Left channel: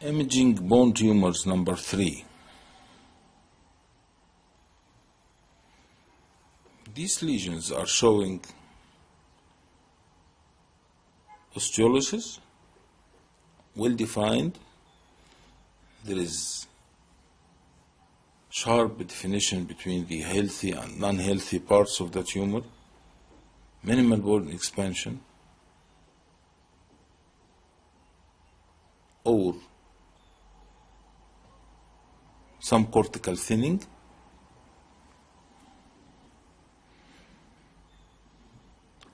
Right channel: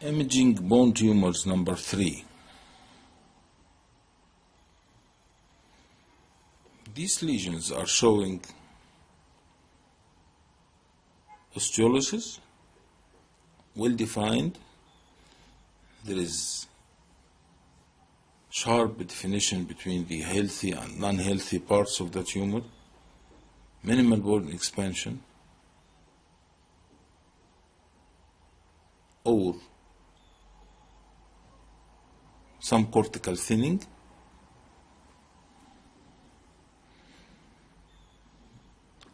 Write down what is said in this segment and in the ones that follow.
Imaging bone tumors number 3. These lesions are showing osteolysis, well defined. There is sharp definition between the healthy and non-healthy parts of the tumor, minimal bone expansion, or some cortical thinning.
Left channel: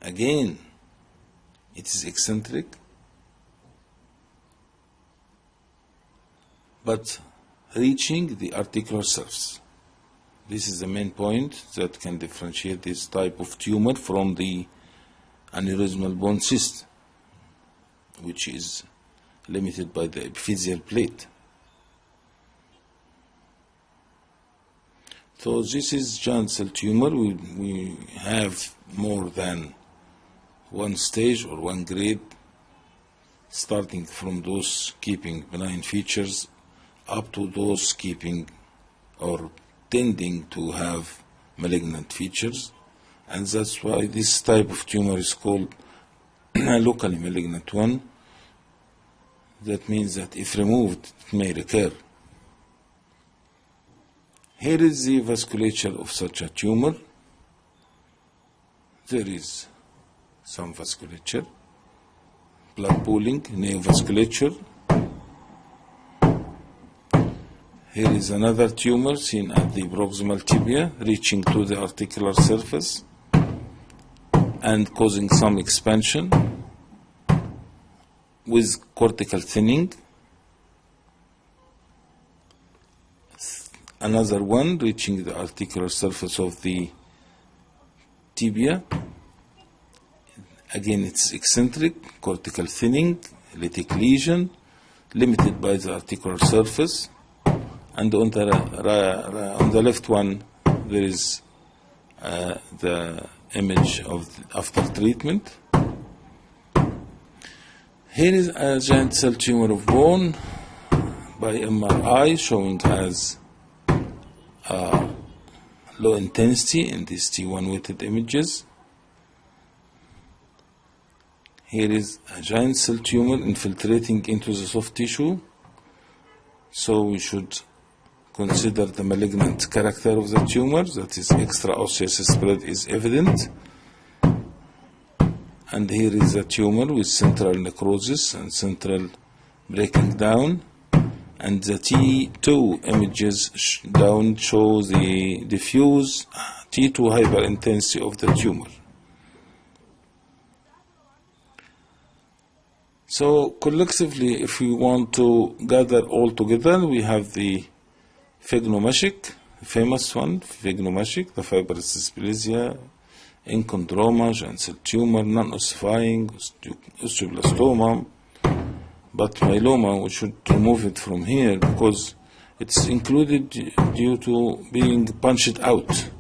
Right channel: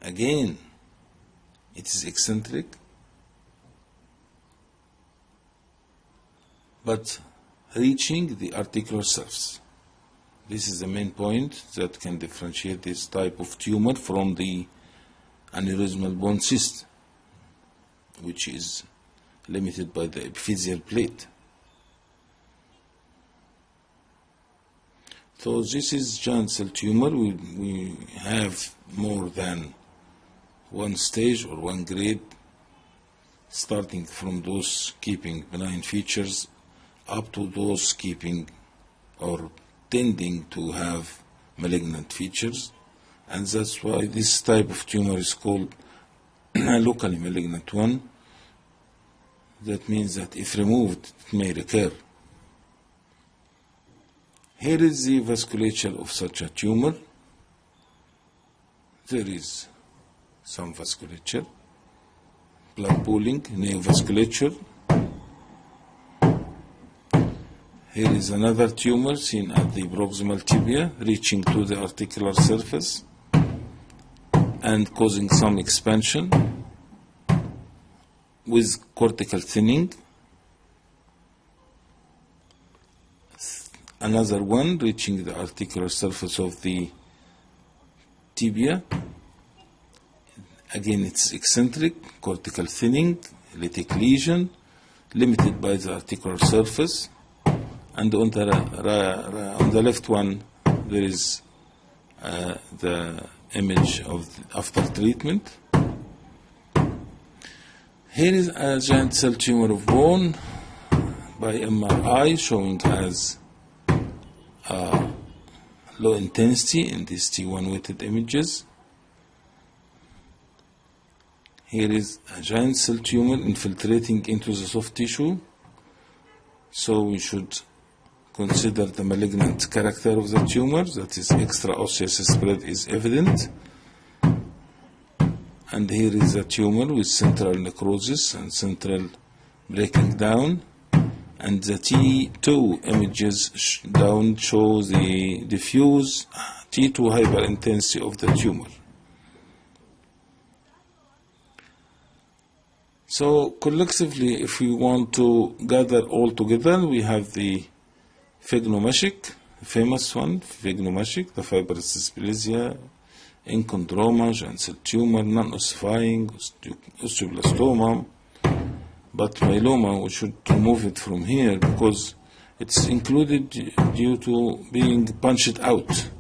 Again, it is eccentric, but reaching the articular surface. This is the main point that can differentiate this type of tumor from the aneurysmal bone cyst, which is limited by the epiphyseal plate. So this is giant cell tumor. We have more than one stage or one grade, starting from those keeping benign features up to those keeping or tending to have malignant features, and that's why this type of tumor is called a locally malignant one. That means that if removed, it may recur. Here is the vasculature of such a tumor. There is some vasculature, blood pooling, neovasculature. Here is another tumor seen at the proximal tibia, reaching to the articular surface and causing some expansion with cortical thinning. Another one reaching the articular surface of the tibia. Again, it's eccentric, cortical thinning, lytic lesion, limited by the articular surface. And on the left one, there is the image of after treatment. Here is a giant cell tumor of bone by MRI, showing as low intensity in these T1 weighted images. Here is a giant cell tumor infiltrating into the soft tissue, so we should consider the malignant character of the tumor, that is extraosseous spread is evident. And here is a tumor with central necrosis and central breaking down. And the T2 images down show the diffuse T2 hyperintensity of the tumor. So collectively, if we want to gather all together, we have the phygnomachic, famous one, phygnomachic, the fibrous dysplasia, enchondroma, giant cell tumor, non-ossifying, osteoblastoma. But myeloma, we should remove it from here because it's included due to being punched out.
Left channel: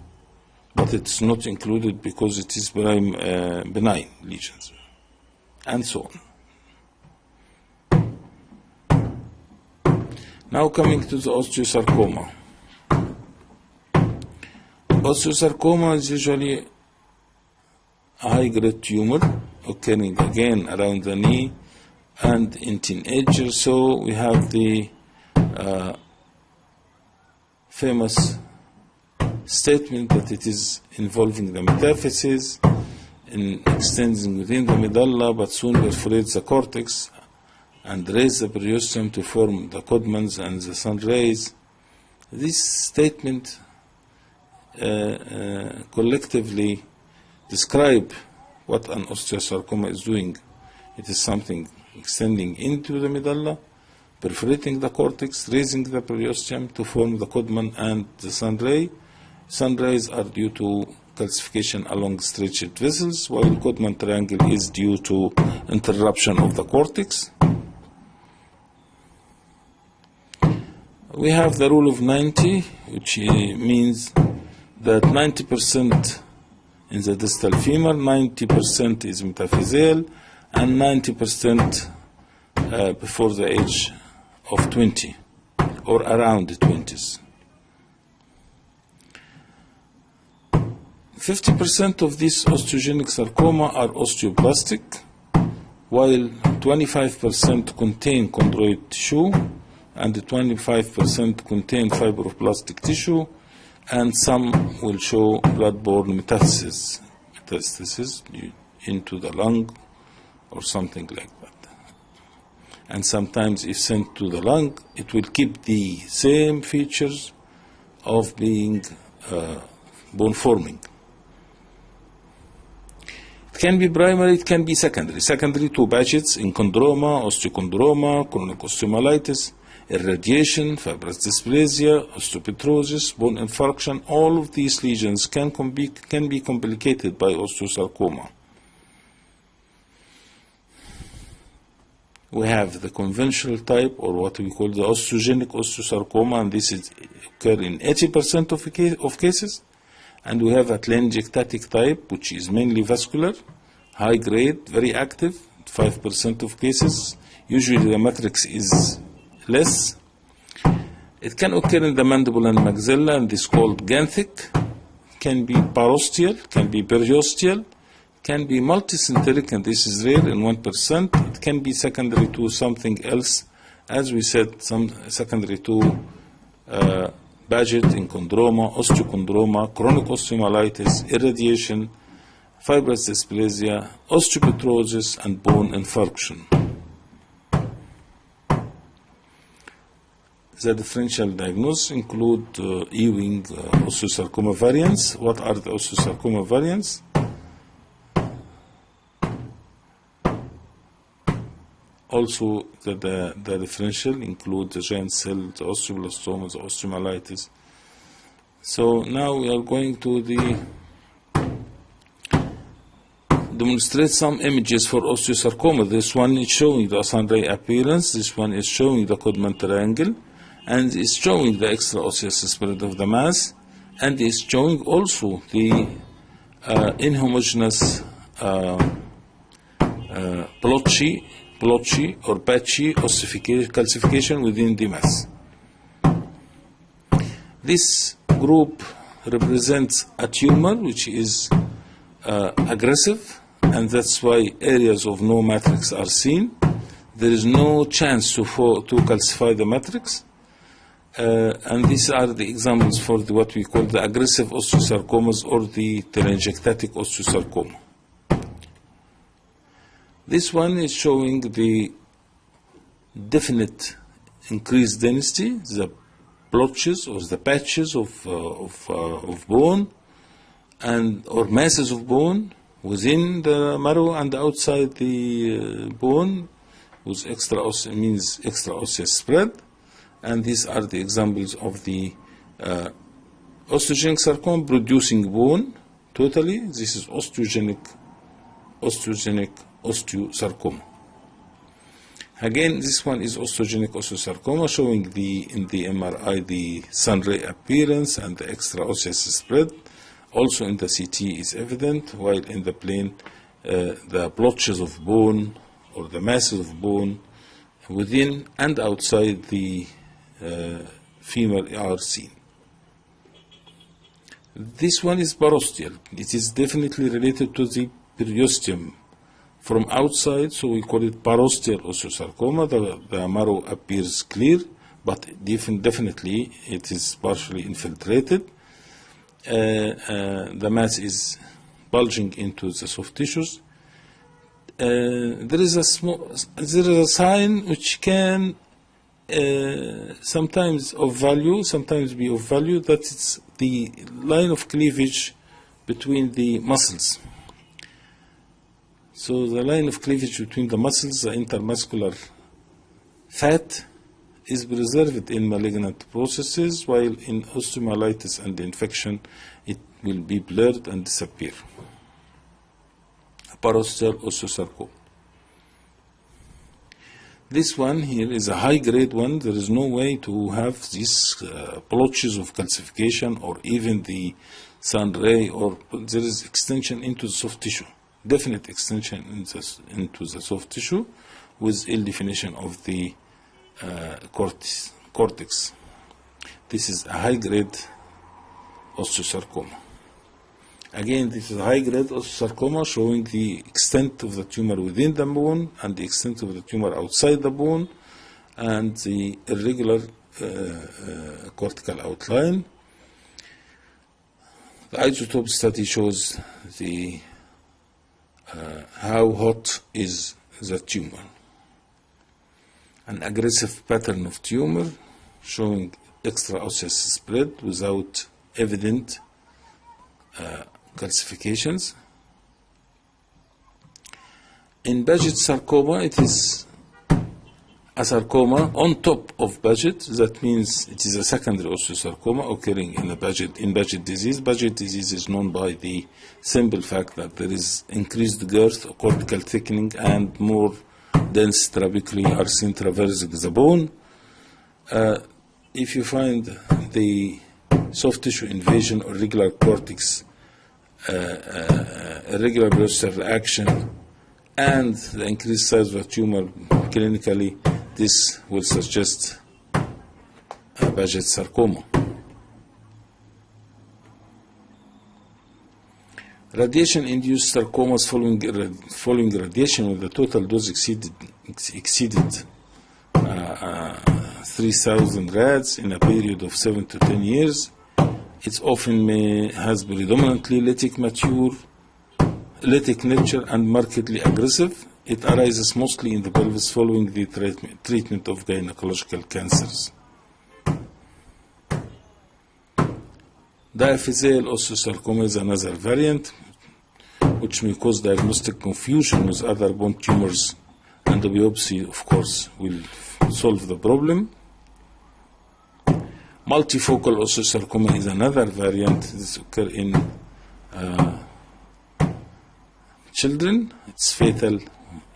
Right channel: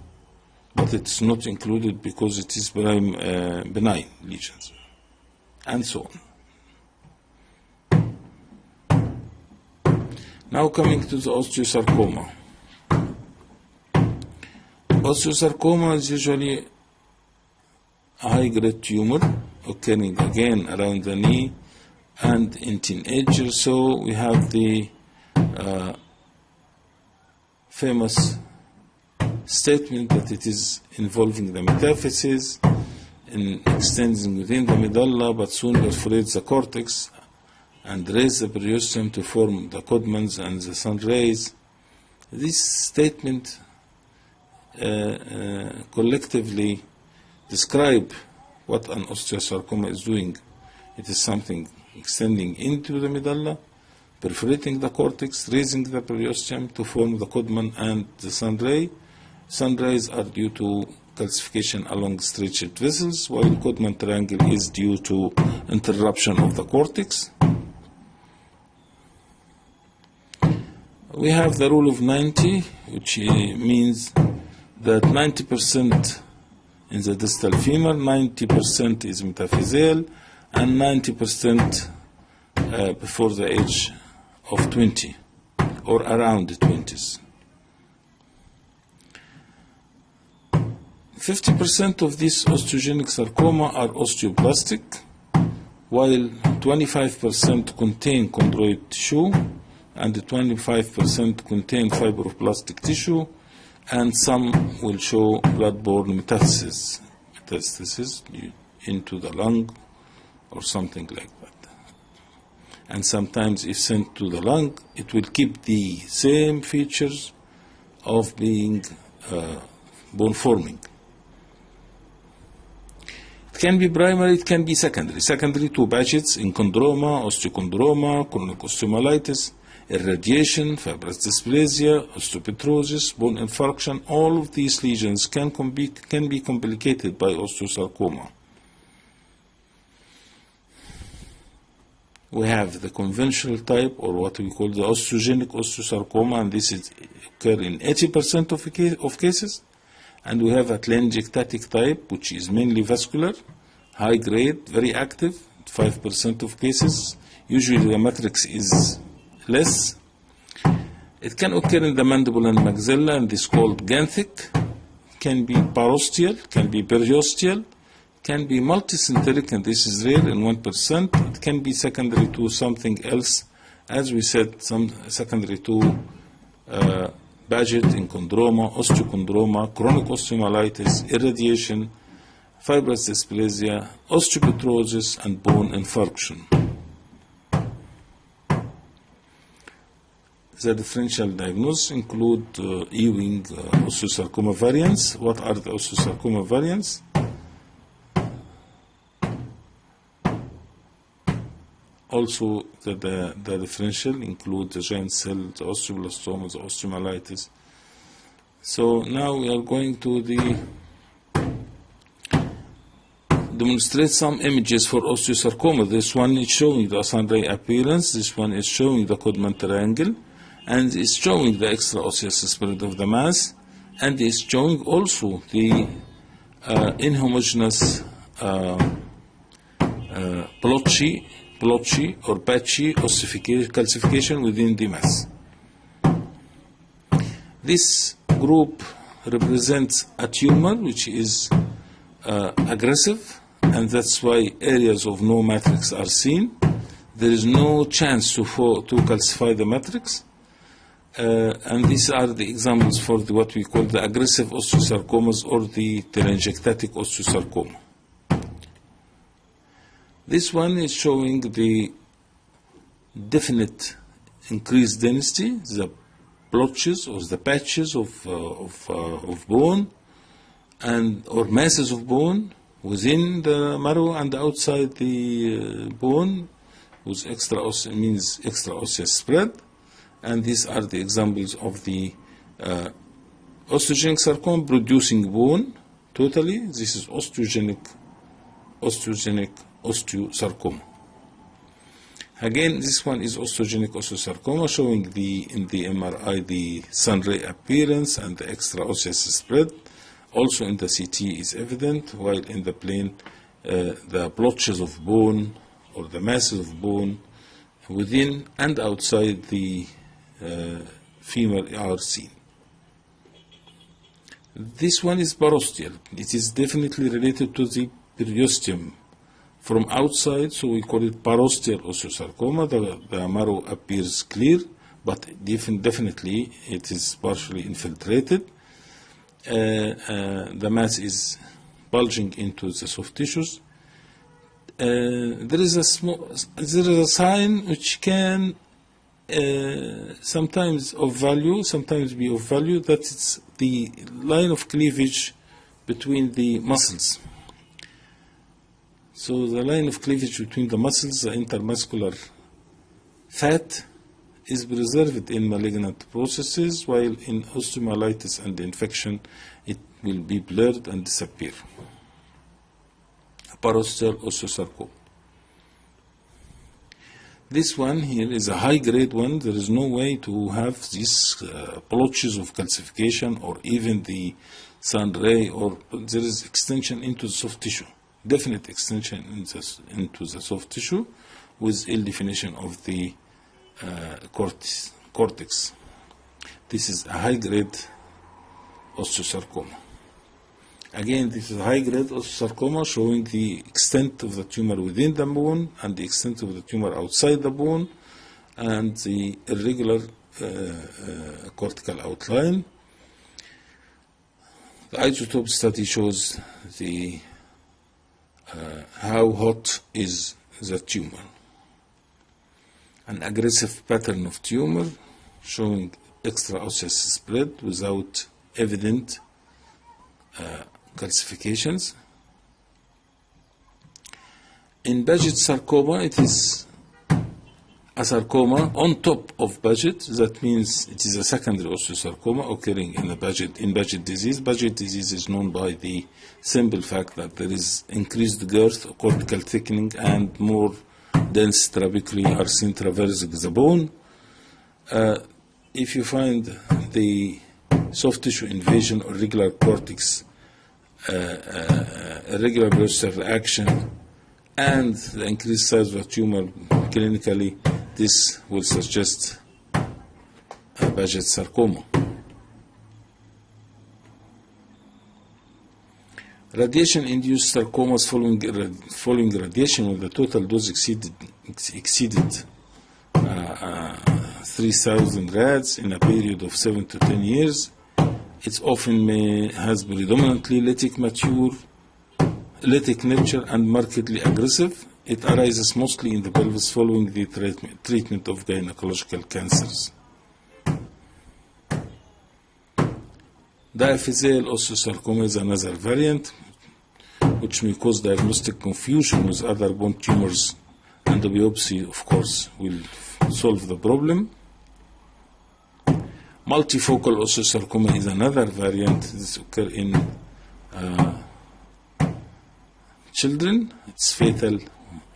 But it's not included because it is benign lesions, and so on. Now coming to the osteosarcoma. Osteosarcoma is usually a high-grade tumor occurring again around the knee and in teenagers. So we have the famous statement that it is involving the metaphysis, in extending within the medulla, but soon perforates the cortex and raise the periosteum to form the Codmans and the sun rays. This statement collectively describe what an osteosarcoma is doing. It is something extending into the medulla, perforating the cortex, raising the periosteum to form the Codman and the sun ray. Sun rays are due to calcification along stretched vessels, while Codman triangle is due to interruption of the cortex. We have the rule of 90, which means that 90% in the distal femur, 90% is metaphyseal, and 90% before the age of 20 or around the 20s. 50% of these osteogenic sarcoma are osteoblastic, while 25% contain chondroid tissue and 25% contain fibroblastic tissue, and some will show blood-borne metastasis into the lung or something like that. And sometimes if sent to the lung, it will keep the same features of being bone forming. It can be primary, it can be secondary. Secondary to patches in chondroma, osteochondroma, chronic osteomyelitis, irradiation, fibrous dysplasia, osteopetrosis, bone infarction. All of these lesions can be complicated by osteosarcoma. We have the conventional type, or what we call the osteogenic osteosarcoma, and this is occur in 80% of cases. And we have a telangiectatic type, which is mainly vascular, high grade, very active, 5% of cases. Usually the matrix is less. It can occur in the mandible and maxilla, and is called ganthic. Can be parosteal, can be periosteal, can be multicenteric, and this is rare in 1%. It can be secondary to something else, as we said, some secondary to Paget in chondroma, osteochondroma, chronic osteomyelitis, irradiation, fibrous dysplasia, osteopetrosis, and bone infarction. The differential diagnosis include Ewing osteosarcoma variants. What are the osteosarcoma variants? Also, the differential include the giant cell, the osteoblastoma, the osteomyelitis. So now we are going to demonstrate some images for osteosarcoma. This one is showing the sunray appearance. This one is showing the Codman triangle, and is showing the extraosseous spread of the mass, and is showing also the inhomogeneous blotchy or patchy calcification within the mass. This group represents a tumor which is aggressive, and that's why areas of no matrix are seen. There is no chance to calcify the matrix. And these are the examples for what we call the aggressive osteosarcomas or the telangiectatic osteosarcoma. This one is showing the definite increased density, the blotches or the patches of bone or masses of bone within the marrow and outside the bone, with extraosseous spread. And these are the examples of the osteogenic sarcoma producing bone totally. This is osteogenic osteosarcoma. Again, this one is osteogenic osteosarcoma, showing in the MRI the sunray appearance and the extraosseous spread. Also in the CT is evident, while in the plane the blotches of bone or the masses of bone within and outside the femur are seen. This one is parosteal. It is definitely related to the periosteum from outside, so we call it parosteal osteosarcoma. The marrow appears clear, but definitely it is partially infiltrated. The mass is bulging into the soft tissues. There is a sign which can sometimes be of value, that it's the line of cleavage between the muscles. So the line of cleavage between the muscles, the intermuscular fat, is preserved in malignant processes, while in osteomyelitis and infection it will be blurred and disappear. Parosteal osteosarcoma. This one here is a high-grade one. There is no way to have these blotches of calcification or even the sun ray, or there is extension into the soft tissue, definite extension into the soft tissue with ill definition of the cortex. This is a high-grade osteosarcoma. Again, this is a high-grade osteosarcoma showing the extent of the tumor within the bone and the extent of the tumor outside the bone and the irregular cortical outline. The isotope study shows the how hot is the tumor. An aggressive pattern of tumor showing extraosseous spread without evident calcifications. In Paget sarcoma, it is a sarcoma on top of Paget. That means it is a secondary osteosarcoma occurring in Paget disease. Paget disease is known by the simple fact that there is increased girth, cortical thickening, and more dense trabeculae are seen traversing the bone. If you find the soft tissue invasion or irregular cortex, irregular periosteal action, and the increased size of the tumor clinically, this will suggest a Paget sarcoma. Radiation-induced sarcomas following radiation when the total dose exceeded 3,000 rads in a period of 7 to 10 years. It often has predominantly lytic nature and markedly aggressive. It arises mostly in the pelvis following the treatment of gynecological cancers. Diaphyseal osteosarcoma is another variant which may cause diagnostic confusion with other bone tumors, and the biopsy, of course, will solve the problem. Multifocal osteosarcoma is another variant. This occurs in children. It's fatal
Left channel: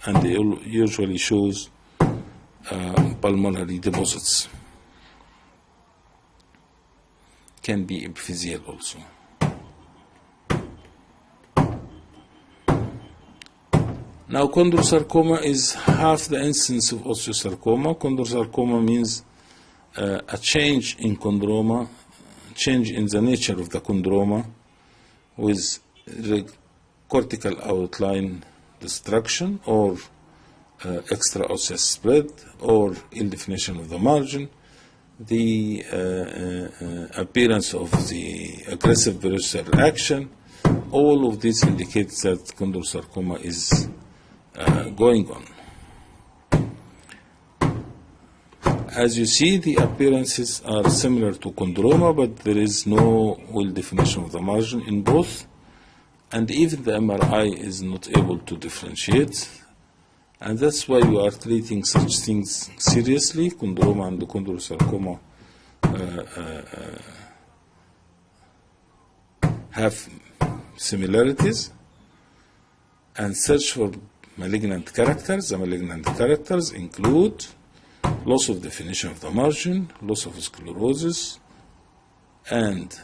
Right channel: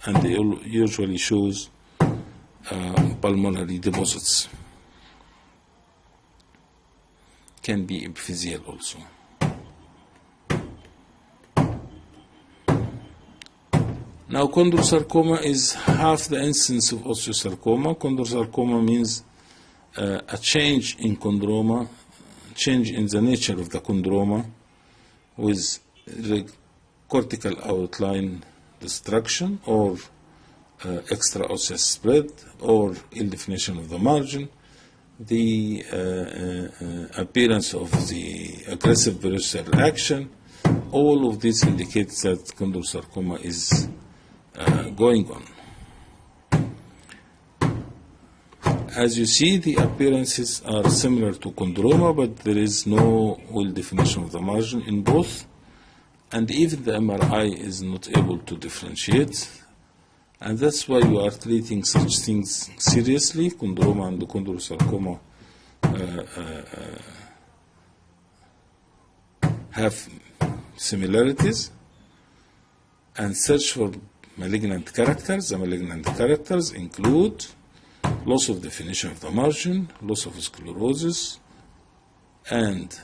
and it usually shows pulmonary deposits. Can be epiphyseal also. Now, chondrosarcoma is half the incidence of osteosarcoma. Chondrosarcoma means a change in chondroma, change in the nature of the chondroma with cortical outline destruction or extraosseous spread or ill definition of the margin, the appearance of the aggressive periosteal action. All of this indicates that chondrosarcoma is going on. As you see, the appearances are similar to chondroma, but there is no well definition of the margin in both, and even the MRI is not able to differentiate, and that's why we are treating such things seriously. Chondroma and chondrosarcoma have similarities, and search for malignant characters. The malignant characters include loss of definition of the margin, loss of sclerosis, and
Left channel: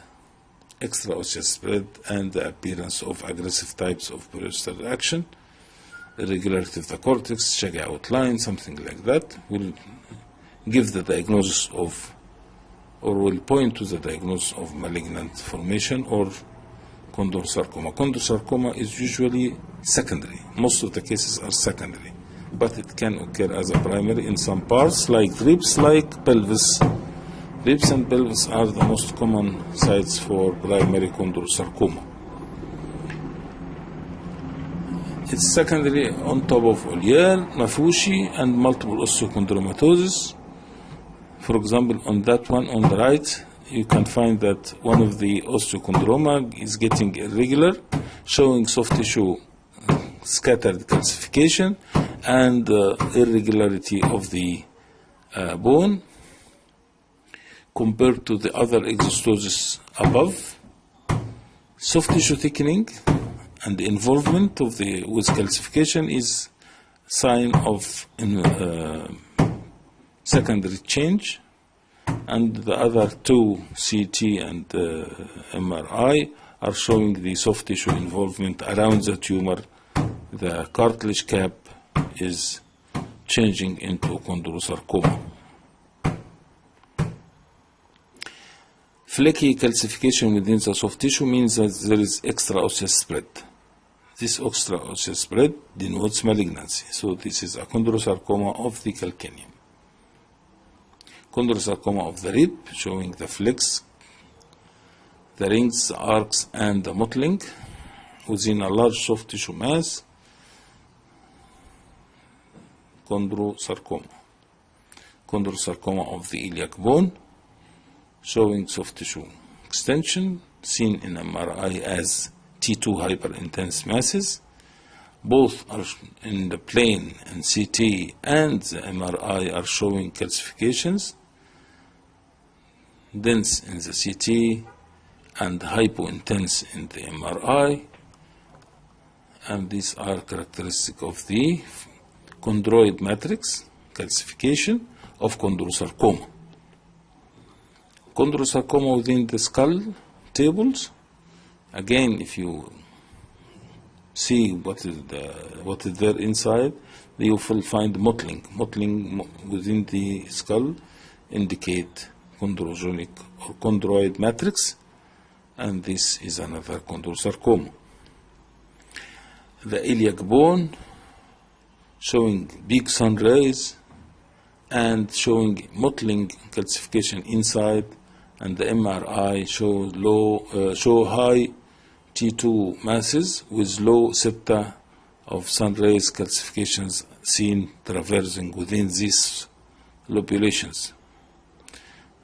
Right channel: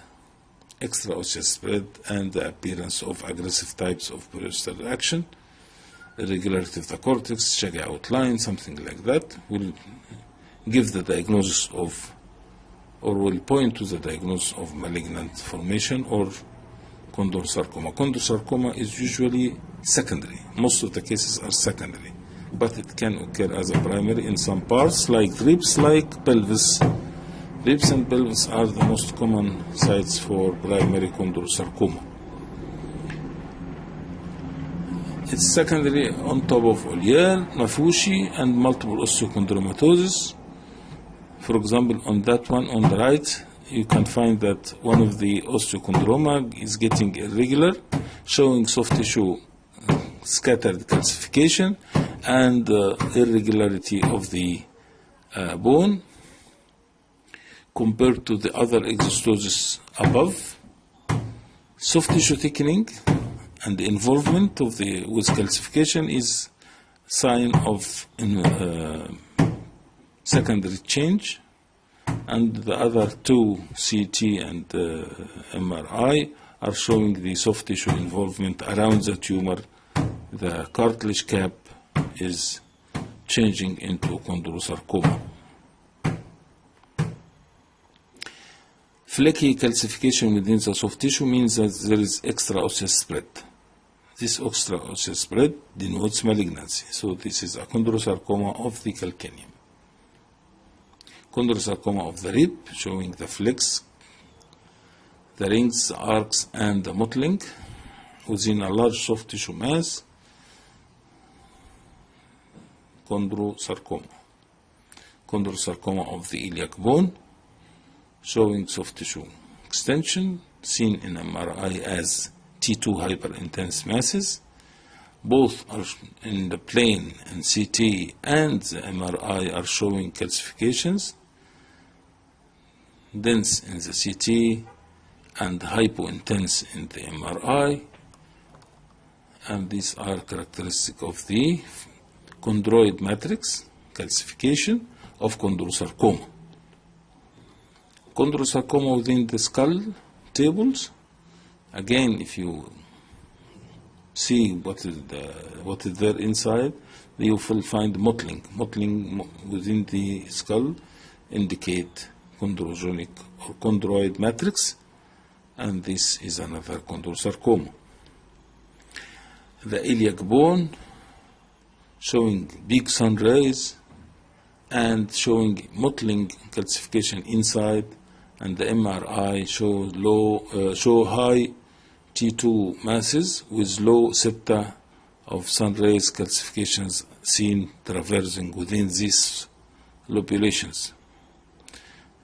extraosseous spread, and the appearance of aggressive types of periosteal action, irregularity of the cortex, shaggy outline, something like that, will give the diagnosis of, or will point to the diagnosis of malignant formation or chondrosarcoma. Chondrosarcoma is usually secondary. Most of the cases are secondary, but it can occur as a primary in some parts, like ribs, like pelvis. Ribs and pelvis are the most common sites for primary chondrosarcoma. It's secondary on top of Ollier, Nafushi, and multiple osteochondromatosis. For example, on that one on the right, you can find that one of the osteochondroma is getting irregular, showing soft tissue scattered calcification and irregularity of the bone compared to the other exostosis above. Soft tissue thickening and the involvement of the with calcification is sign of secondary change, and the other two, CT and MRI, are showing the soft tissue involvement around the tumor. The cartilage cap is changing into chondrosarcoma. Flaky calcification within the soft tissue means that there is extra-osseous spread. This extra-osseous spread denotes malignancy. So this is a chondrosarcoma of the calcaneum. Chondrosarcoma of the rib, showing the flex, the rings, the arcs, and the mottling within a large soft tissue mass. Chondrosarcoma. Chondrosarcoma of the iliac bone, showing soft tissue extension, seen in MRI as T2 hyperintense masses. Both are in the plane, and CT and the MRI are showing calcifications, dense in the CT and hypointense in the MRI, and these are characteristic of the chondroid matrix calcification of chondrosarcoma. Chondrosarcoma within the skull tables, again, if you see what is there inside, you will find mottling. Mottling within the skull indicate chondrogenic or chondroid matrix, and this is another chondrosarcoma. The iliac bone showing big sun rays and showing mottling calcification inside, and the MRI show high T2 masses with low septa of sun rays calcifications seen traversing within these lobulations.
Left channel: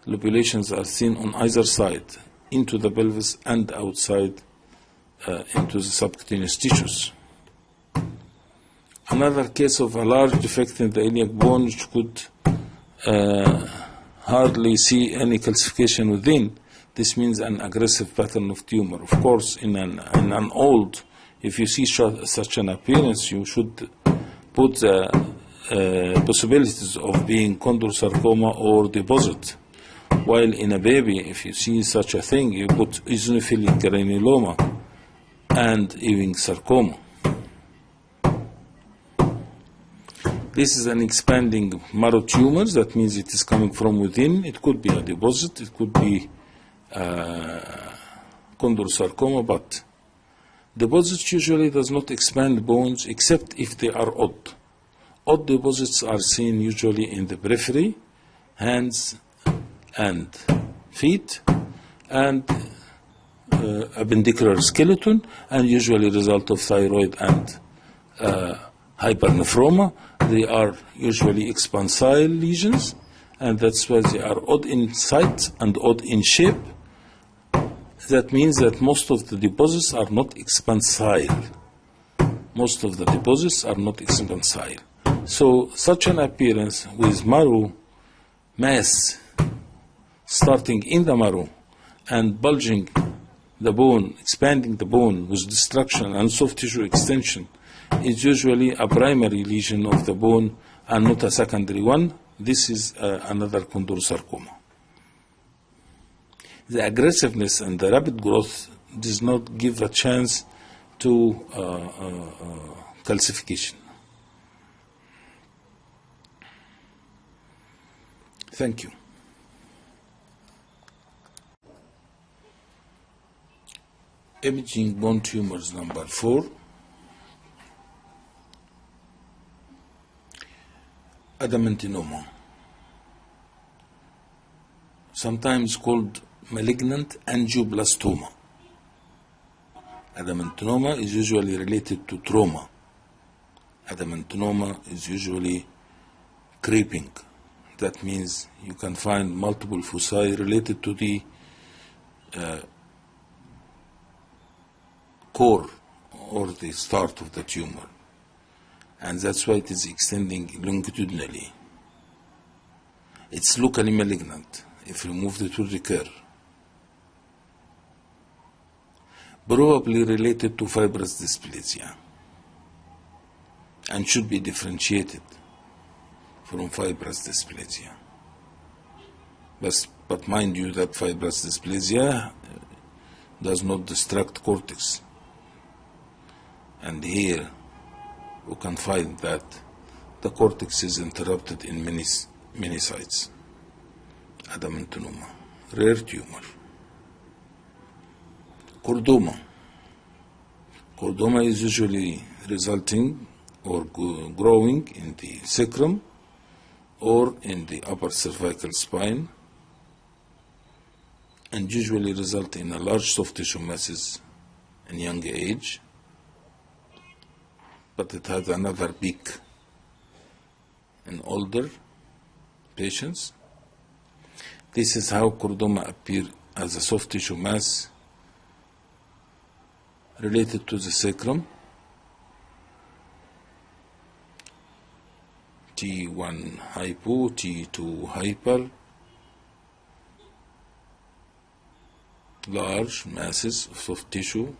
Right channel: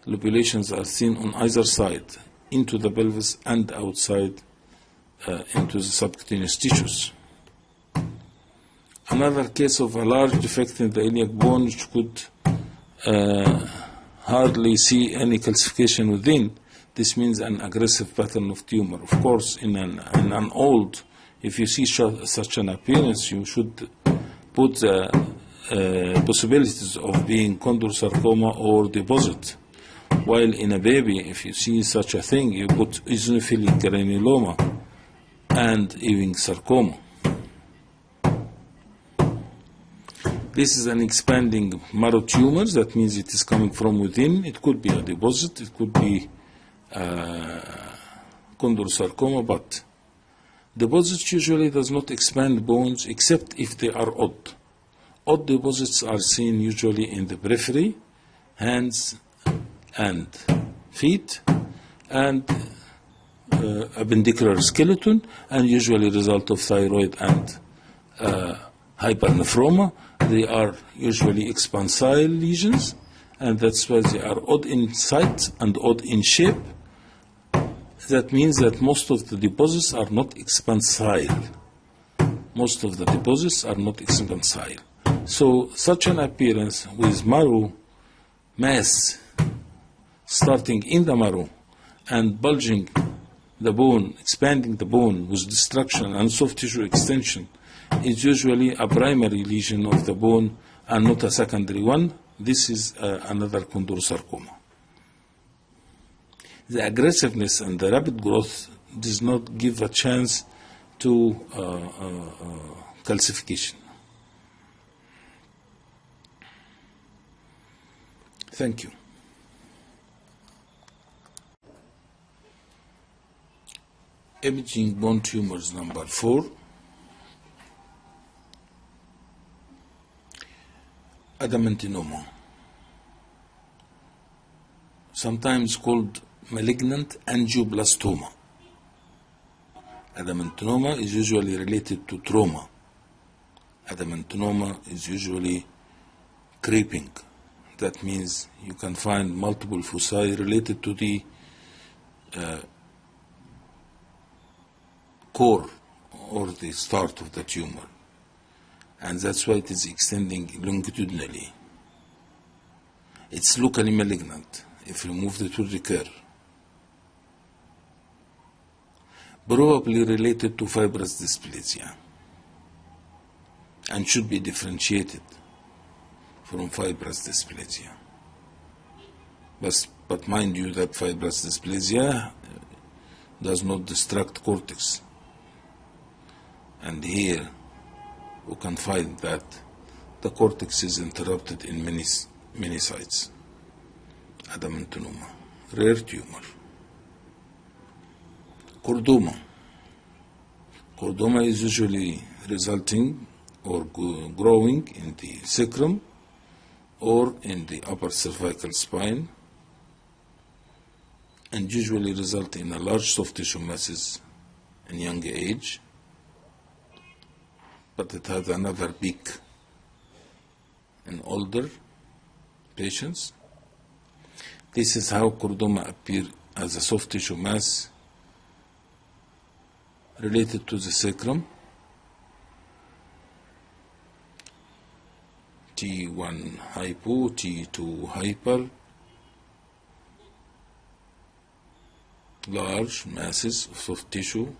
Lobulations are seen on either side, into the pelvis and outside into the subcutaneous tissues. Another case of a large defect in the iliac bone which could hardly see any calcification within. This means an aggressive pattern of tumor. Of course, in an old, if you see such an appearance, you should put the possibilities of being chondrosarcoma or deposit. While in a baby, if you see such a thing, you put eosinophilic granuloma and Ewing sarcoma. This is an expanding marrow tumor. That means it is coming from within. It could be a deposit, it could be chondrosarcoma, but deposits usually does not expand bones except if they are odd. Odd deposits are seen usually in the periphery, hands and feet, and appendicular skeleton, and usually result of thyroid and hypernephroma. They are usually expansile lesions, and that's why they are odd in size and odd in shape. That means that most of the deposits are not expansile. Most of the deposits are not expansile. So such an appearance with marrow mass starting in the marrow and bulging the bone, expanding the bone with destruction and soft tissue extension is usually a primary lesion of the bone and not a secondary one. This is another chondrosarcoma. The aggressiveness and the rapid growth does not give a chance to calcification. Thank you. Imaging bone tumors number 4. Adamantinoma, sometimes called malignant angioblastoma. Adamantinoma is usually related to trauma. Adamantinoma is usually creeping. That means you can find multiple foci related to the core or the start of the tumor, and that's why it is extending longitudinally. It's locally malignant. If removed, it will recur. Probably related to fibrous dysplasia and should be differentiated from fibrous dysplasia. But mind you that fibrous dysplasia does not destruct cortex. And here we can find that the cortex is interrupted in many sites. Adamantinoma, rare tumor. Chordoma. Chordoma is usually resulting or growing in the sacrum or in the upper cervical spine, and usually result in a large soft tissue masses in young age, but it has another peak in older patients. This is how chordoma appear as a soft tissue mass related to the sacrum. T1 hypo, T2 hyper, large masses of soft tissue.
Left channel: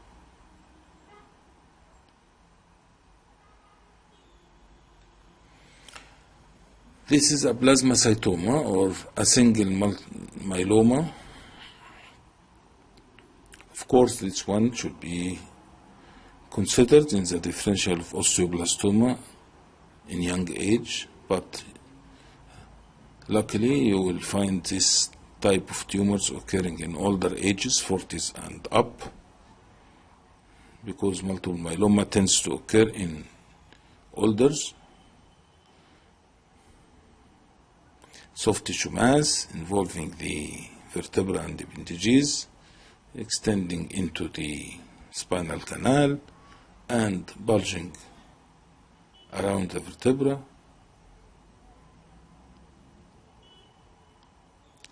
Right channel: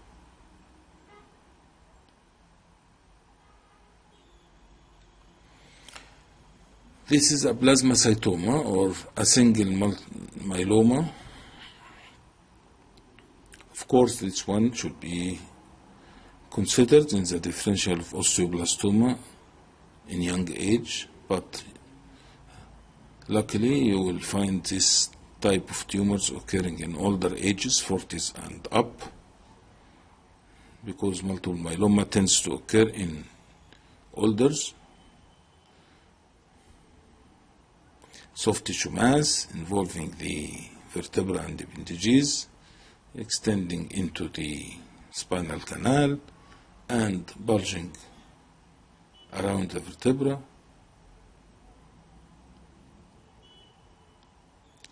This is a plasmacytoma or a single myeloma. Of course, this one should be considered in the differential of osteoblastoma in young age, but luckily you will find this type of tumors occurring in older ages, 40s and up, because multiple myeloma tends to occur in olders. Soft tissue mass involving the vertebra and appendages, extending into the spinal canal and bulging around the vertebra.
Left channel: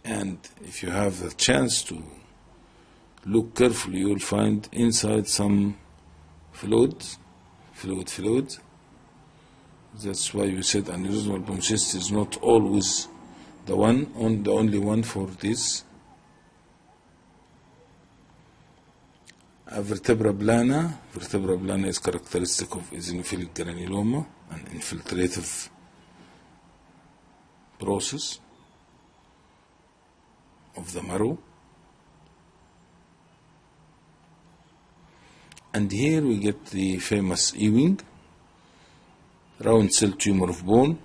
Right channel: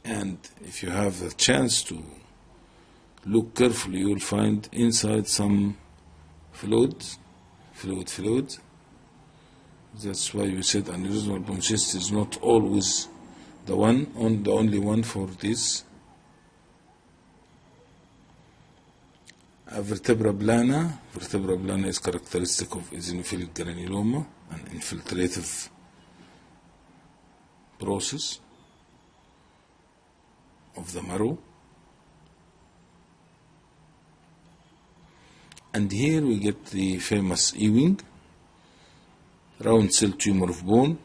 And if you have the chance to look carefully, you will find inside some fluid. That's why we said aneurysmal bone cyst is not always the only one for this. Vertebra plana. Vertebra plana is characteristic of eosinophilic granuloma, an infiltrative process of the marrow. And here we get the famous Ewing, round cell tumor of bone,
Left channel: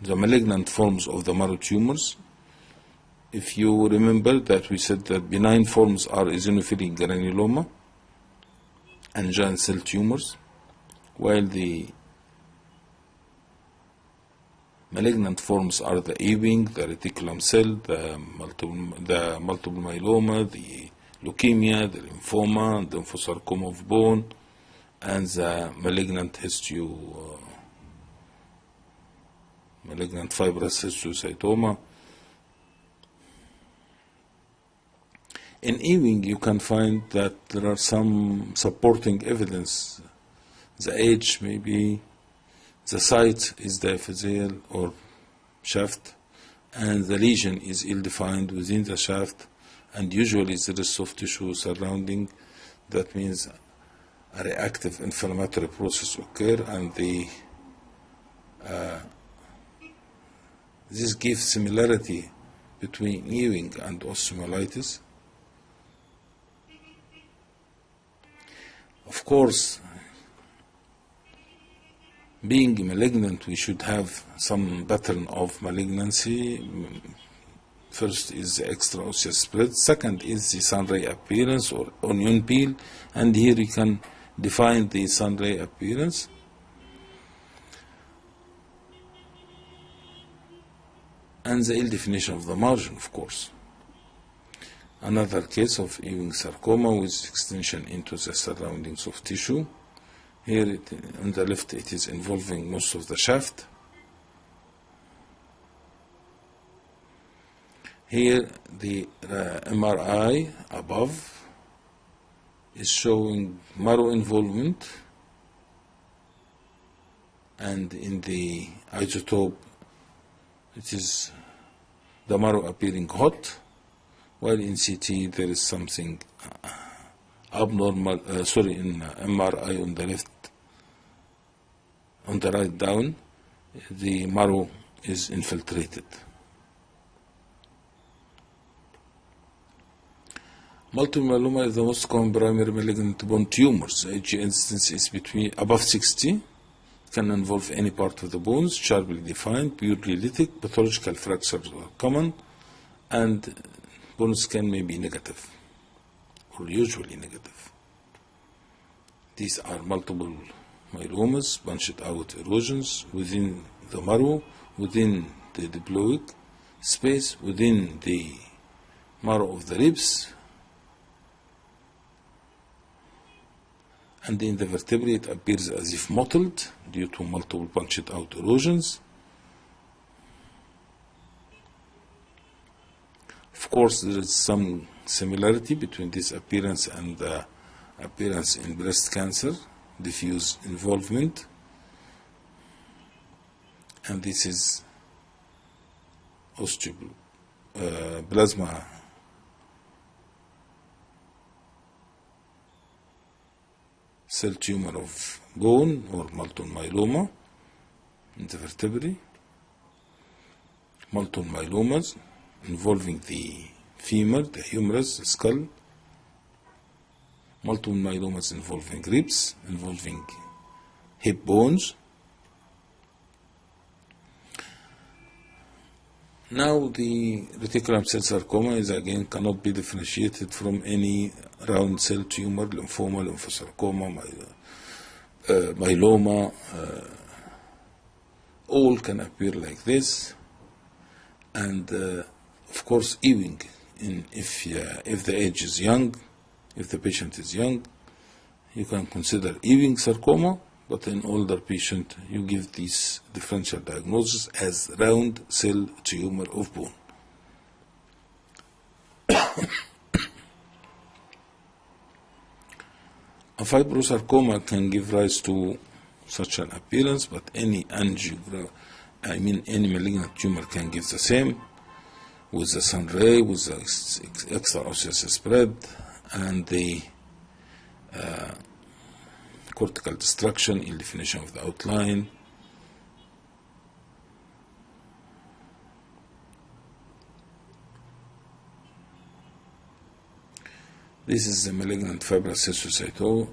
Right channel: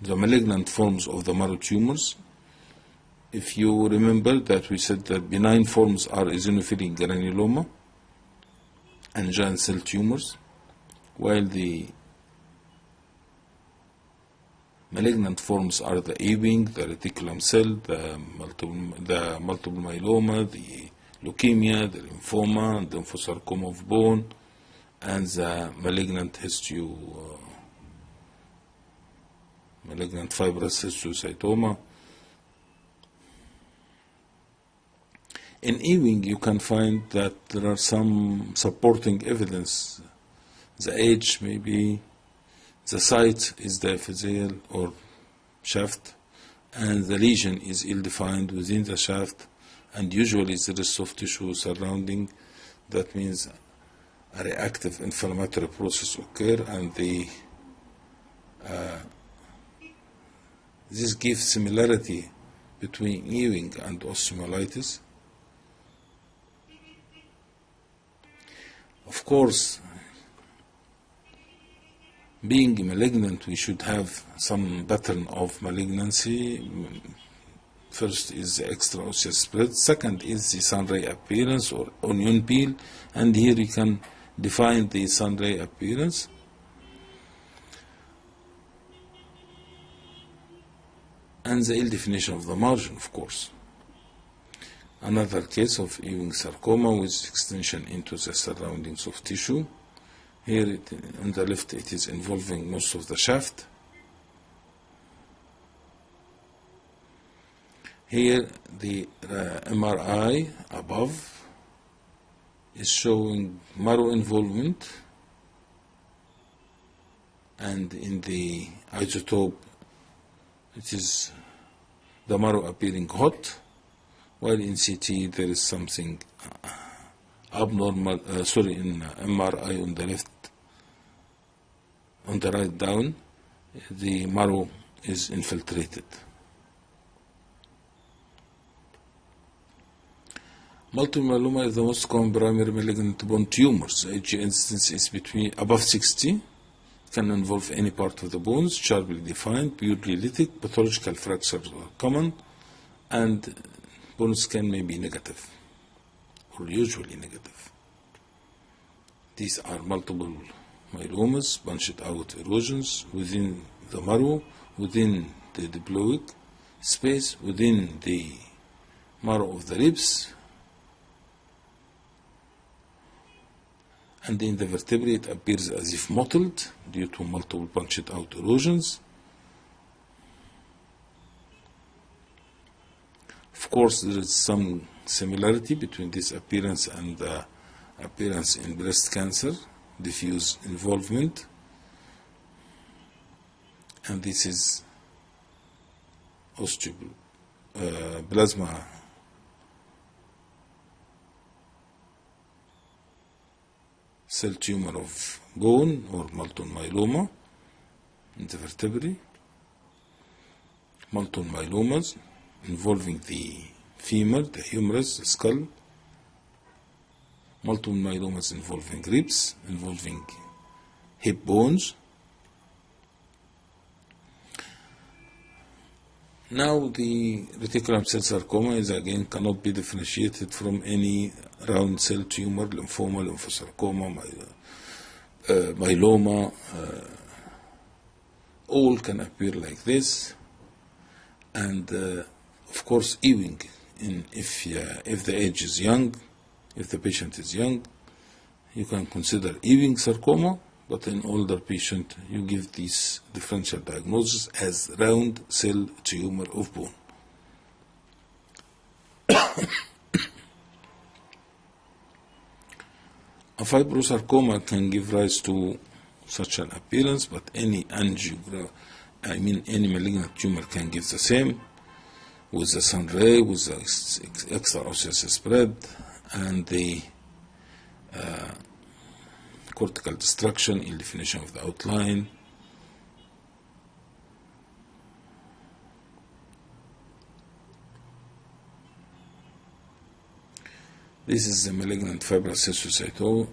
the malignant forms of the marrow tumors. If you remember that we said that benign forms are eosinophilic granuloma and giant cell tumors, while the malignant forms are the Ewing, the reticulum cell, the multiple myeloma, the leukemia, the lymphoma, the lymphosarcoma of bone, and the malignant malignant fibrous histiocytoma. In Ewing, you can find that there are some supporting evidence. The age may be, the site is diaphyseal or shaft, and the lesion is ill-defined within the shaft, and usually there is soft tissue surrounding. That means a reactive inflammatory process occur, and this gives similarity between Ewing and osteomyelitis. Of course, being malignant, we should have some pattern of malignancy. First is the extraosseous spread, second is the sunray appearance or onion peel, and here you can define the sunray appearance. And the ill definition of the margin, of course. Another case of Ewing sarcoma with extension into the surrounding soft tissue. Here on the left it is involving most of the shaft. Here the MRI above is showing marrow involvement, and in the isotope it is the marrow appearing hot, while in CT there is something abnormal, in MRI on the left, on the right down, the marrow is infiltrated. Multiple myeloma is the most common primary malignant bone tumors. The Ag incidence is above 60. Can involve any part of the bones, sharply defined, purely lytic. Pathological fractures are common, and bone scan may be negative or usually negative. These are multiple myelomas, punched out erosions within the marrow, within the diploic space, within the marrow of the ribs, and in the vertebrae it appears as if mottled due to multiple punched out erosions. Of course, there is some similarity between this appearance and the appearance in breast cancer, diffuse involvement, and this is osteoplasma cell tumor of bone or multiple myeloma in the vertebrae. Multiple myelomas involving the femur, the humerus, the skull. Multiple myelomas involving ribs, involving hip bones. Now the reticulum cell sarcoma is again cannot be differentiated from any round cell tumor, lymphoma, lymphosarcoma, myeloma. All can appear like this, and of course Ewing, if the age is young, if the patient is young, you can consider Ewing sarcoma, but in older patient you give this differential diagnosis as round cell tumor of bone. A fibrosarcoma can give rise to such an appearance, but any any malignant tumor can give the same, with the sun ray, with the extraosseous spread, and the cortical destruction in definition of the outline. This is the malignant fibrous histiocytoma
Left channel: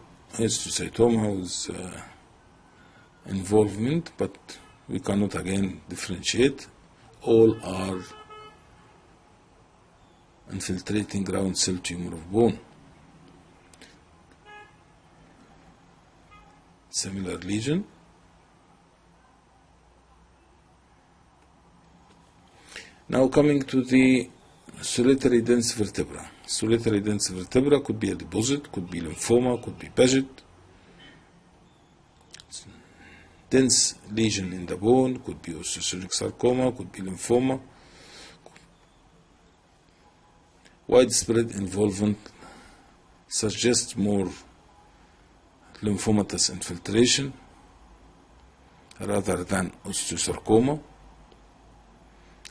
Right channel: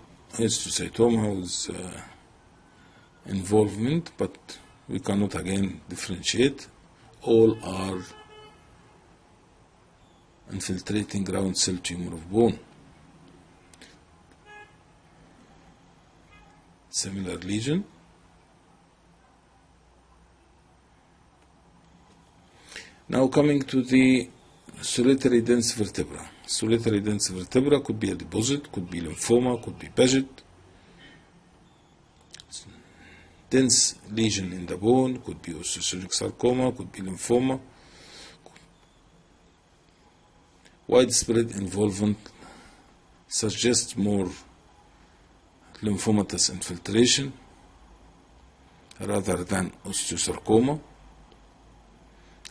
with involvement, but we cannot again differentiate. All are infiltrating round cell tumor of bone. Similar lesion. Now coming to the solitary dense vertebra. Solitary dense vertebra could be a deposit, could be lymphoma, could be Paget. Dense lesion in the bone could be osteochondric sarcoma, could be lymphoma. Widespread involvement suggests more lymphomatous infiltration rather than osteosarcoma,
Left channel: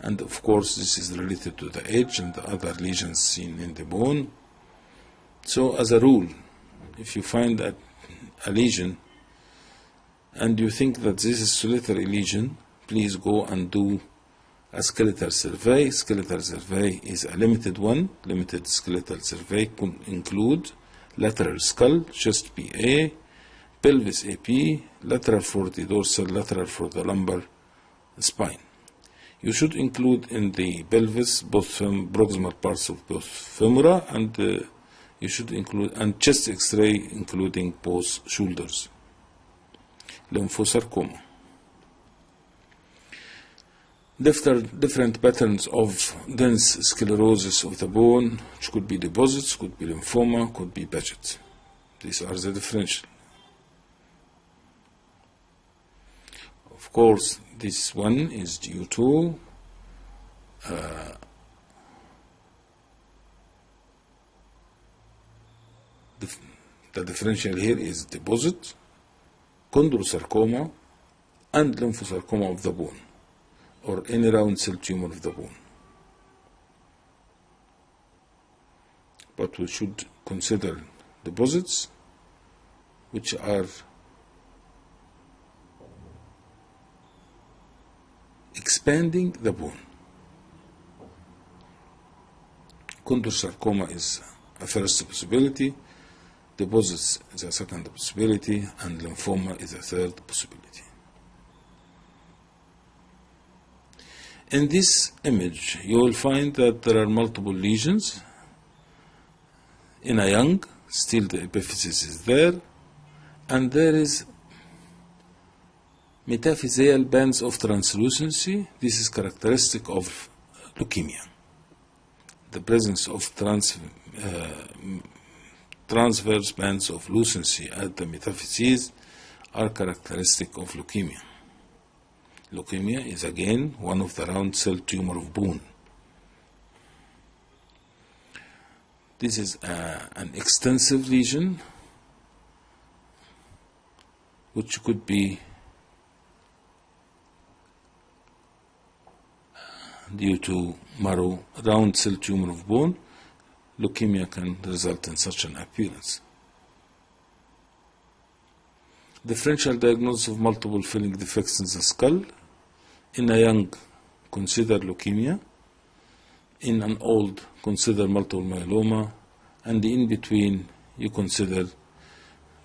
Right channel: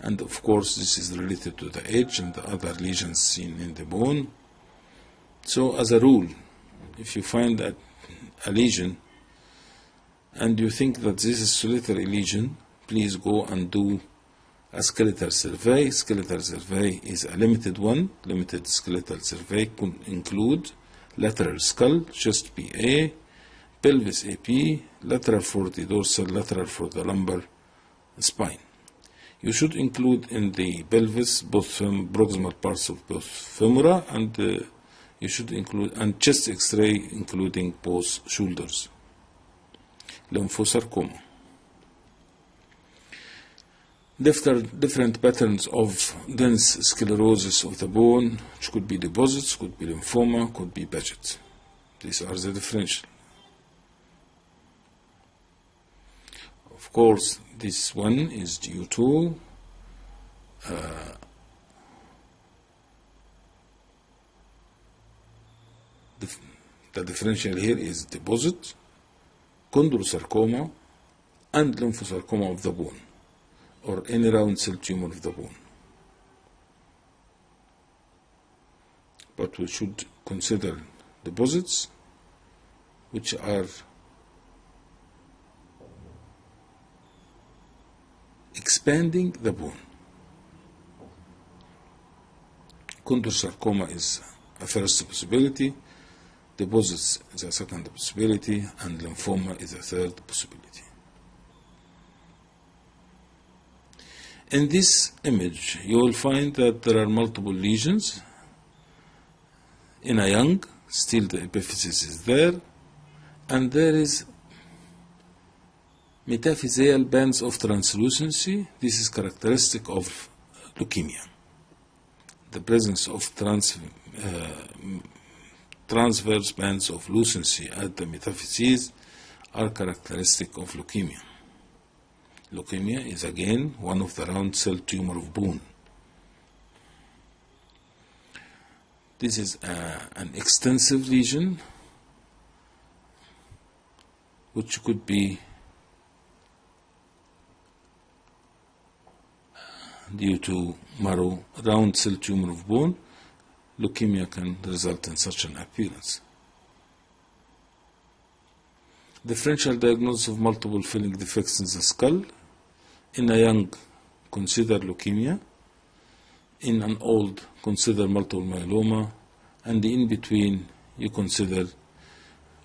and of course this is related to the age and the other lesions seen in the bone. So as a rule, if you find a lesion and you think that this is solitary lesion, please go and do a skeletal survey. Skeletal survey is a limited one. Limited skeletal survey could include lateral skull, chest PA, pelvis AP, lateral for the dorsal, lateral for the lumbar spine. You should include in the pelvis both proximal parts of both femora, and you should include and chest X-ray including both shoulders. Lymphosarcoma. Different patterns of dense sclerosis of the bone, which could be deposits, could be lymphoma, could be Paget. These are the differential. Of course, this one is due to the differential here is deposit, chondrosarcoma, and lymphosarcoma of the bone, or any round cell tumor of the bone. But we should consider deposits which are expanding the bone. Chondrosarcoma is a first possibility, deposits is a second possibility, and lymphoma is a third possibility. In this image, you will find that there are multiple lesions In a young, still the epiphysis is there, and there is metaphyseal bands of translucency. This is characteristic of leukemia. The presence of transverse bands of lucency at the metaphyses are characteristic of leukemia. Leukemia is again one of the round cell tumor of bone. This is an extensive lesion which could be due to marrow round cell tumor of bone. Leukemia can result in such an appearance. Differential diagnosis of multiple filling defects in the skull. In a young, consider leukemia. In an old, consider multiple myeloma. And in between, you consider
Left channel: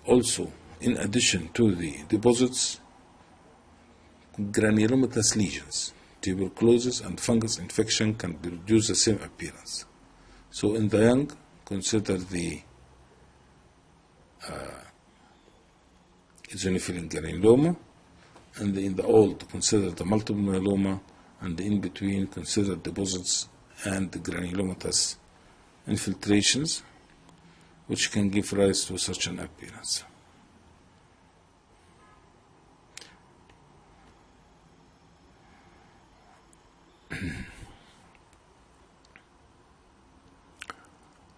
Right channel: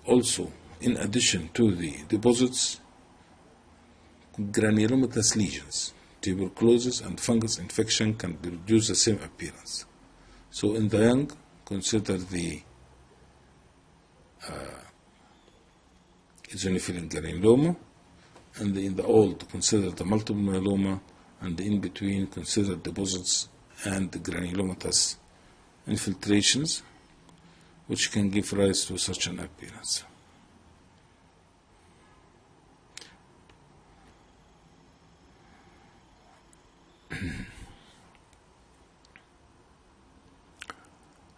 also, in addition to the deposits, granulomatous lesions. Tuberculosis and fungus infection can produce the same appearance. So in the young, consider the eosinophilic granuloma, and in the old, consider the multiple myeloma, and in between, consider deposits and the granulomatous infiltrations, which can give rise to such an appearance.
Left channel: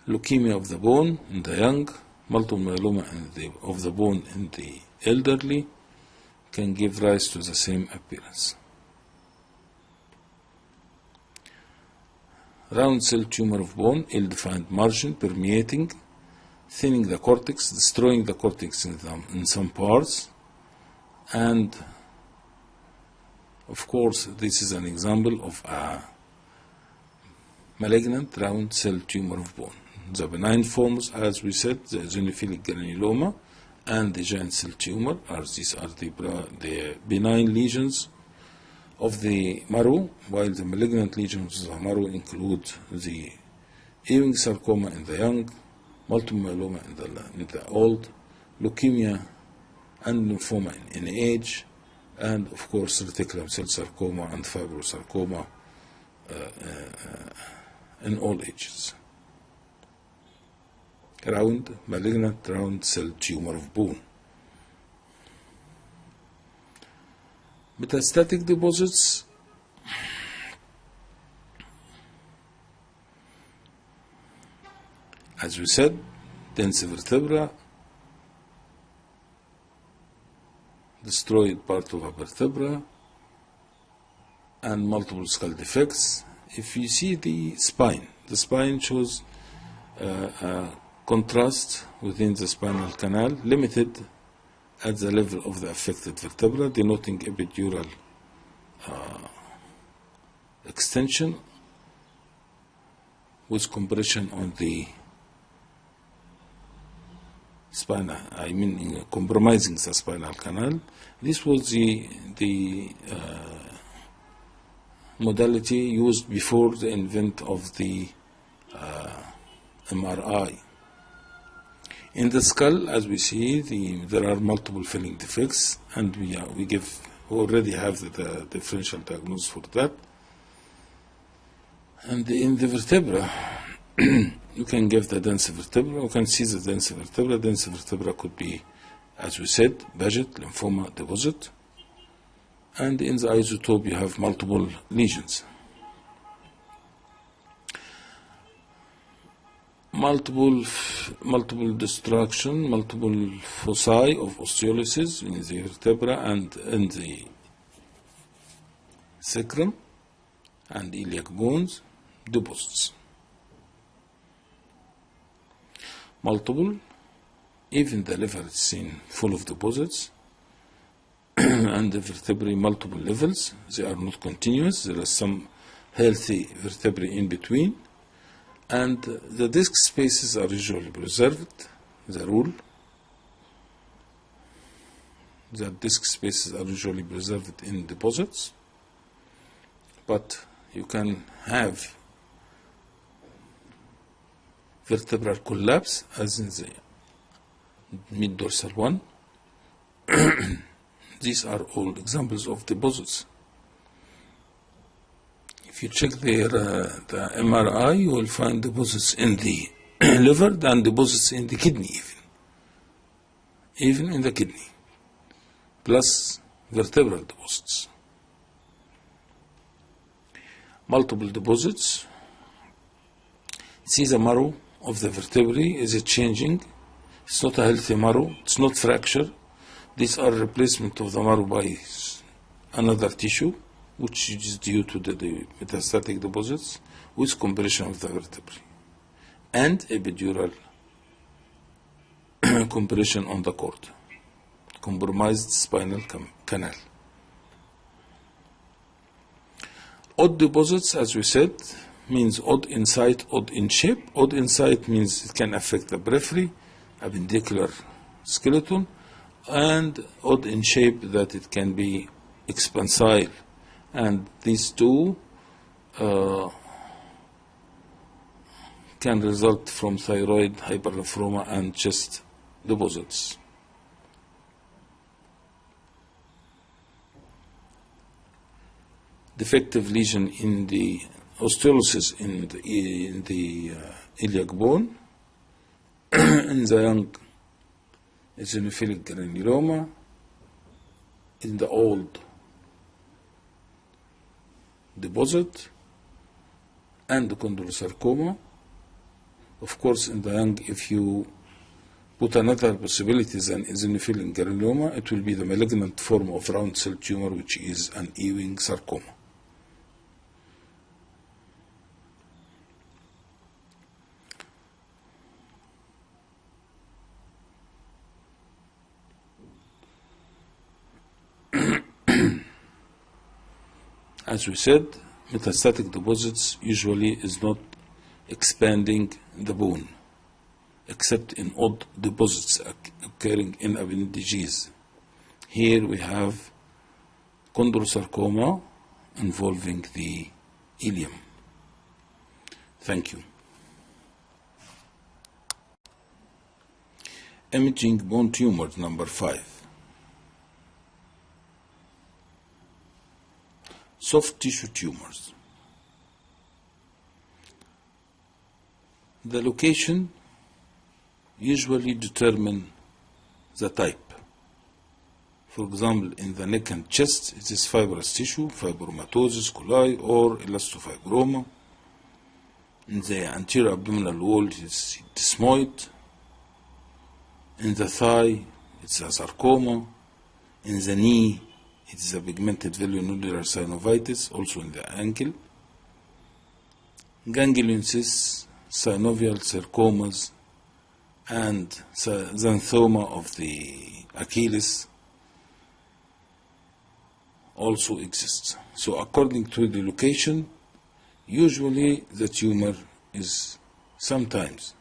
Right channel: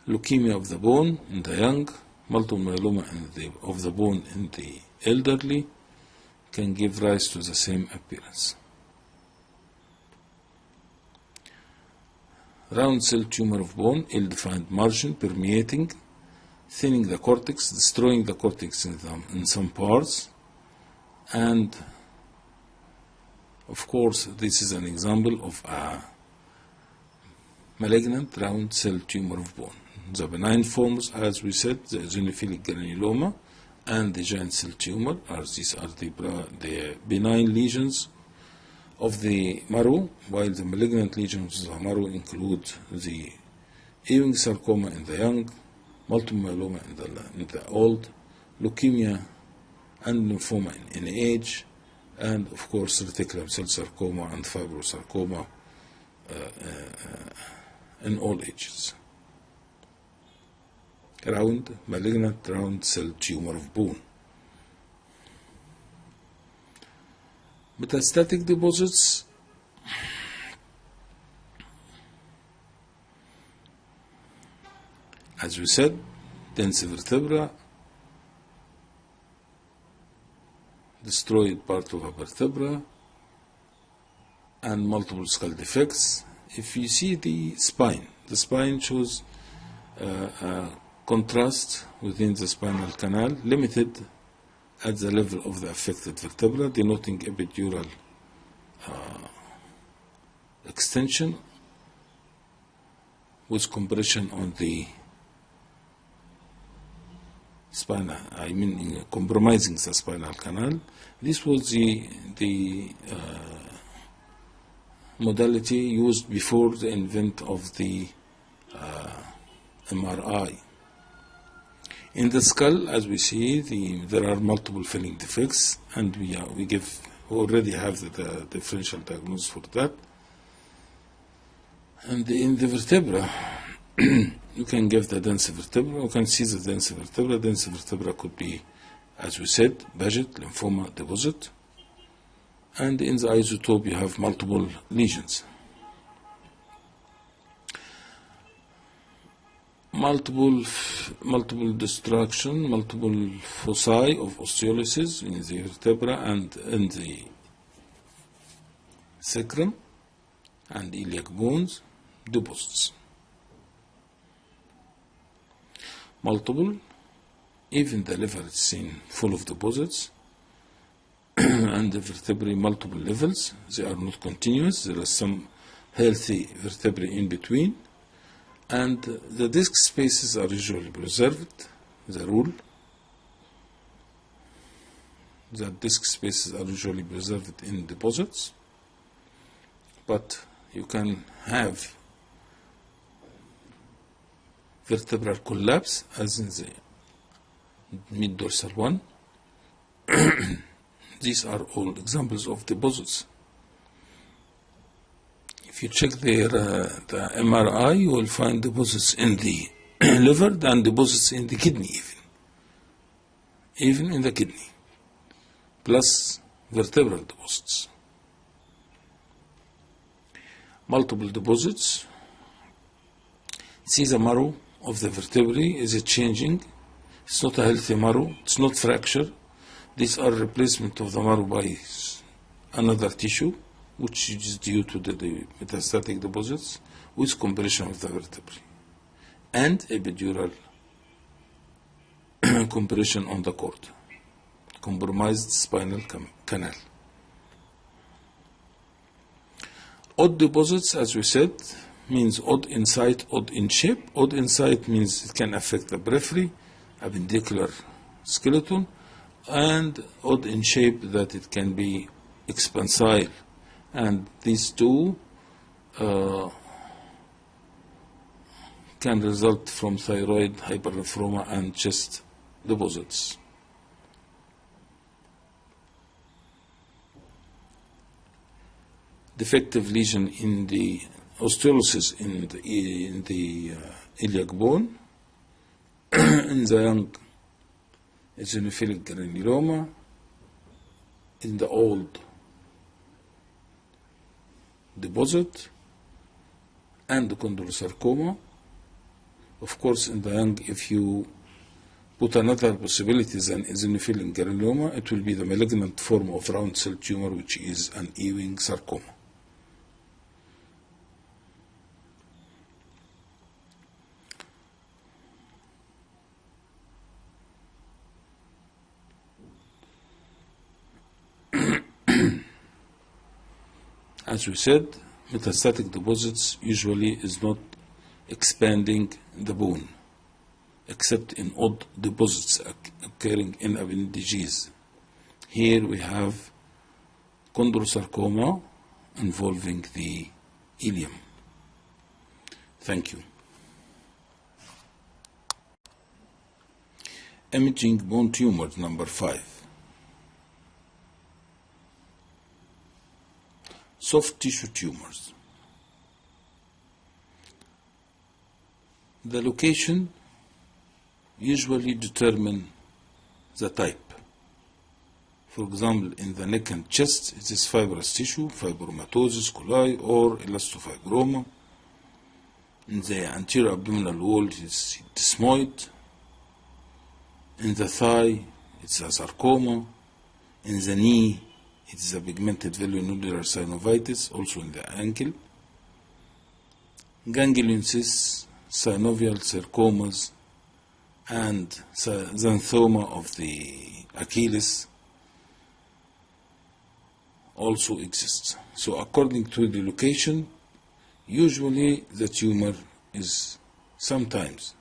Leukemia of the bone in the young, multiple myeloma of the bone in the elderly can give rise to the same appearance. Round cell tumor of bone, ill-defined margin, permeating, thinning the cortex, destroying the cortex in some parts, and of course this is an example of a malignant round cell tumor of bone. The benign forms, as we said, the eosinophilic granuloma and the giant cell tumor, these are the benign lesions of the marrow, while the malignant lesions of the marrow include the Ewing sarcoma in the young, multiple myeloma in the old, leukemia and lymphoma in age, and of course reticulum cell sarcoma and fibrosarcoma in all ages. Malignant round cell tumor of bone. Metastatic deposits. As we said, dense vertebra, destroyed part of a vertebra, and multiple skull defects. If you see the spine shows contrast within the spinal canal, limited at the level of the affected vertebra, denoting epidural extension with compression on the spinal, compromising the spinal canal. This was the modality used before the invent of the MRI. In the skull, as we see, there are multiple filling defects, and we already have the differential diagnosis for that. And in the vertebra, you can give the dense vertebra. You can see the dense vertebra. Dense vertebra could be, as we said, Paget, lymphoma deposit. And in the isotope, you have multiple lesions. Multiple destruction, multiple foci of osteolysis in the vertebra and in the sacrum and iliac bones, deposits. Multiple, even the liver is seen full of deposits, and the vertebrae multiple levels. They are not continuous. There are some healthy vertebrae in between. And the disc spaces are usually preserved, the rule. The disc spaces are usually preserved in deposits, but you can have vertebral collapse, as in the mid-dorsal one. These are all examples of deposits. If you check the MRI, you will find deposits in the liver and deposits in the kidney even in the kidney, plus vertebral deposits. Multiple deposits. See, the marrow of the vertebrae is changing. It's not a healthy marrow. It's not fracture. These are replacement of the marrow by another tissue, which is due to the metastatic deposits with compression of the vertebrae and epidural compression on the cord, compromised spinal canal. Odd deposits, as we said, means odd in site, odd in shape. Odd in site means it can affect the periphery, appendicular skeleton, and odd in shape that it can be expansile. And these two can result from thyroid hypernephroma and chest deposits. Defective lesion in the osteolysis in the iliac bone. In the young, eosinophilic granuloma. In the old, deposit and the chondrosarcoma. Of course, in the young, if you put another possibility than eosinophilic granuloma, it will be the malignant form of round cell tumor, which is an Ewing sarcoma. As we said, metastatic deposits usually is not expanding the bone, except in odd deposits occurring in appendages. Here we have chondrosarcoma involving the ileum. Thank you. Imaging bone tumors, number 5. Soft tissue tumors. The location usually determine the type. For example, in the neck and chest, it is fibrous tissue, fibromatosis, coli, or elastofibroma. In the anterior abdominal wall, it is desmoid. In the thigh, it's a sarcoma. In the knee, it is a pigmented velonodular synovitis, also in the ankle. Ganglion cysts, synovial sarcomas, and xanthoma of the Achilles also exist. So according to the location, usually the tumor is sometimes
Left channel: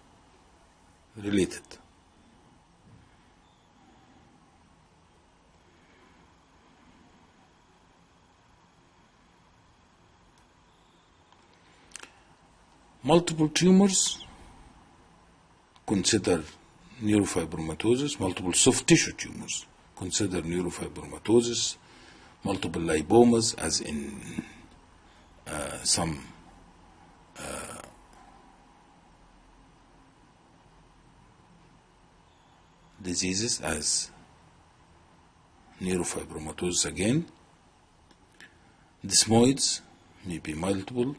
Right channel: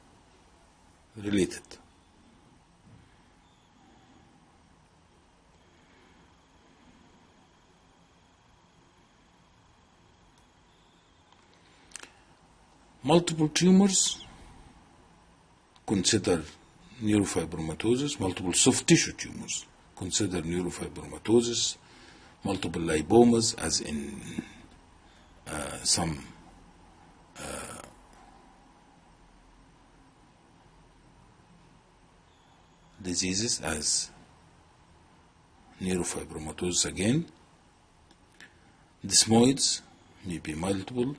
related. Multiple tumors, consider neurofibromatosis. Multiple soft tissue tumors, consider neurofibromatosis. Multiple lipomas, as in some diseases, as neurofibromatosis again. Desmoids may be multiple.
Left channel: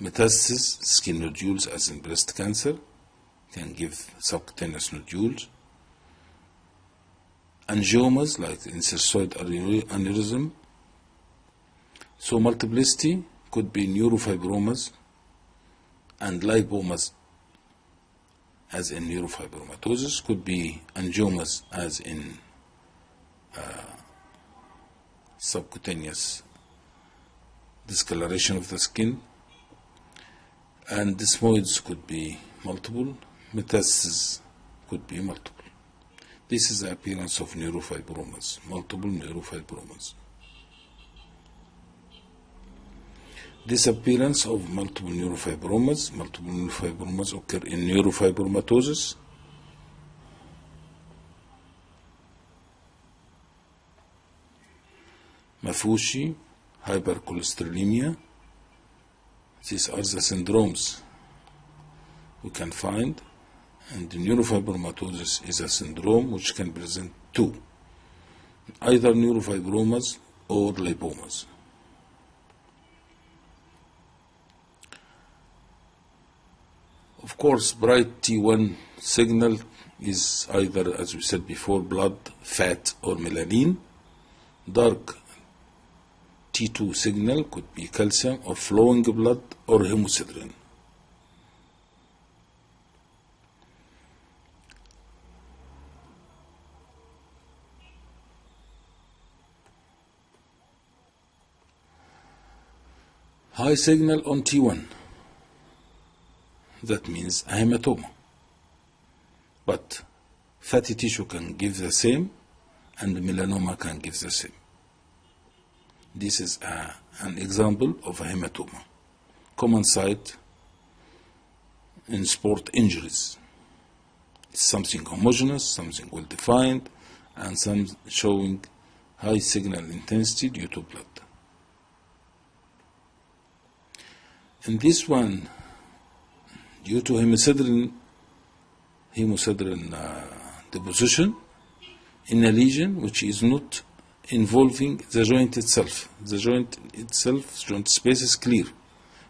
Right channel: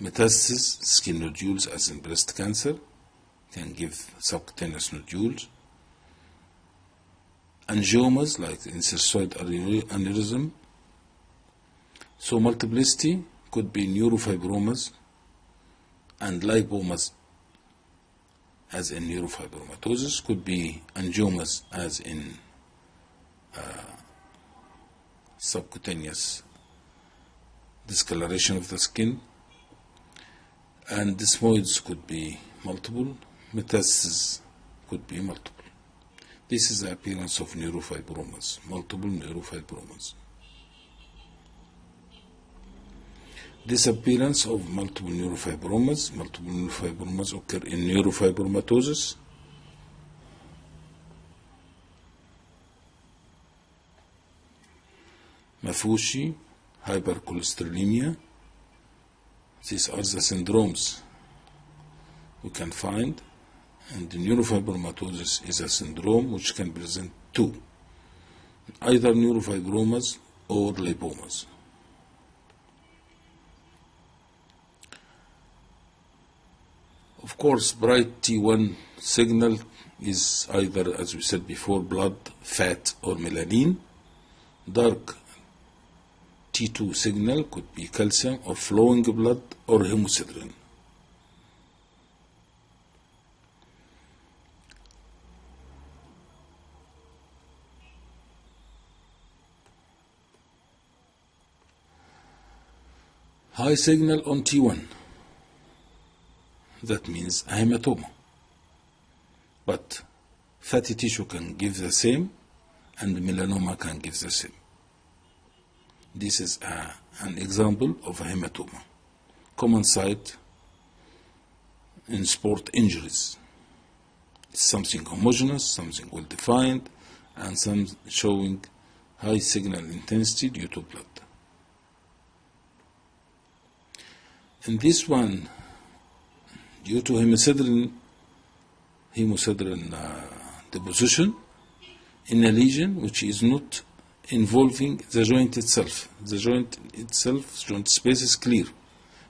Metastasis, skin nodules, as in breast cancer, can give subcutaneous nodules. Angiomas, like incercoid aneurysm. So multiplicity could be neurofibromas and lipomas, as in neurofibromatosis, could be angiomas, as in subcutaneous discoloration of the skin. And desmoids could be multiple, metastases could be multiple. This is the appearance of neurofibromas, multiple neurofibromas. Disappearance of multiple neurofibromas. Multiple neurofibromas occur in neurofibromatosis. Mafushi, hypercholesterolemia. These are the syndromes we can find, and the neurofibromatosis is a syndrome which can present two, either neurofibromas or lipomas. Of course, bright T1 signal is either, as we said before, blood, fat, or melanin. Dark T2 signal could be calcium or flowing blood or hemosiderin. High signal on T1, that means a hematoma. But fatty tissue can give the same, and melanoma can give the same. This is an example of a hematoma, common sight in sport injuries. It's something homogeneous, something well defined, and some showing high signal intensity due to blood. In this one, due to hemosiderin deposition in a lesion which is not involving the joint itself. The joint itself, joint space is clear.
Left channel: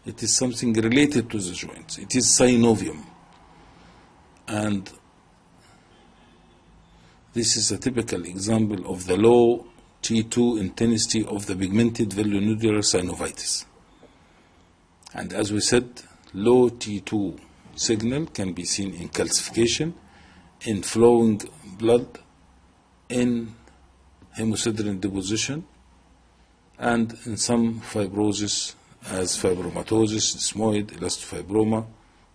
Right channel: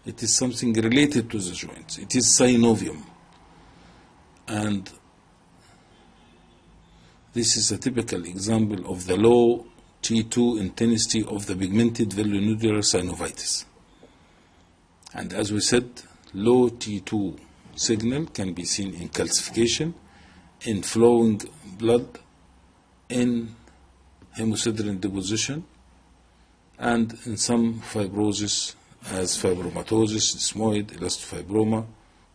It is something related to the joint. It is synovium. And this is a typical example of the low T2 intensity of the pigmented velonuclear synovitis. And as we said, low T2 signal can be seen in calcification, in flowing blood, in hemosiderin deposition, and in some fibrosis as fibromatosis, desmoid, elastofibroma,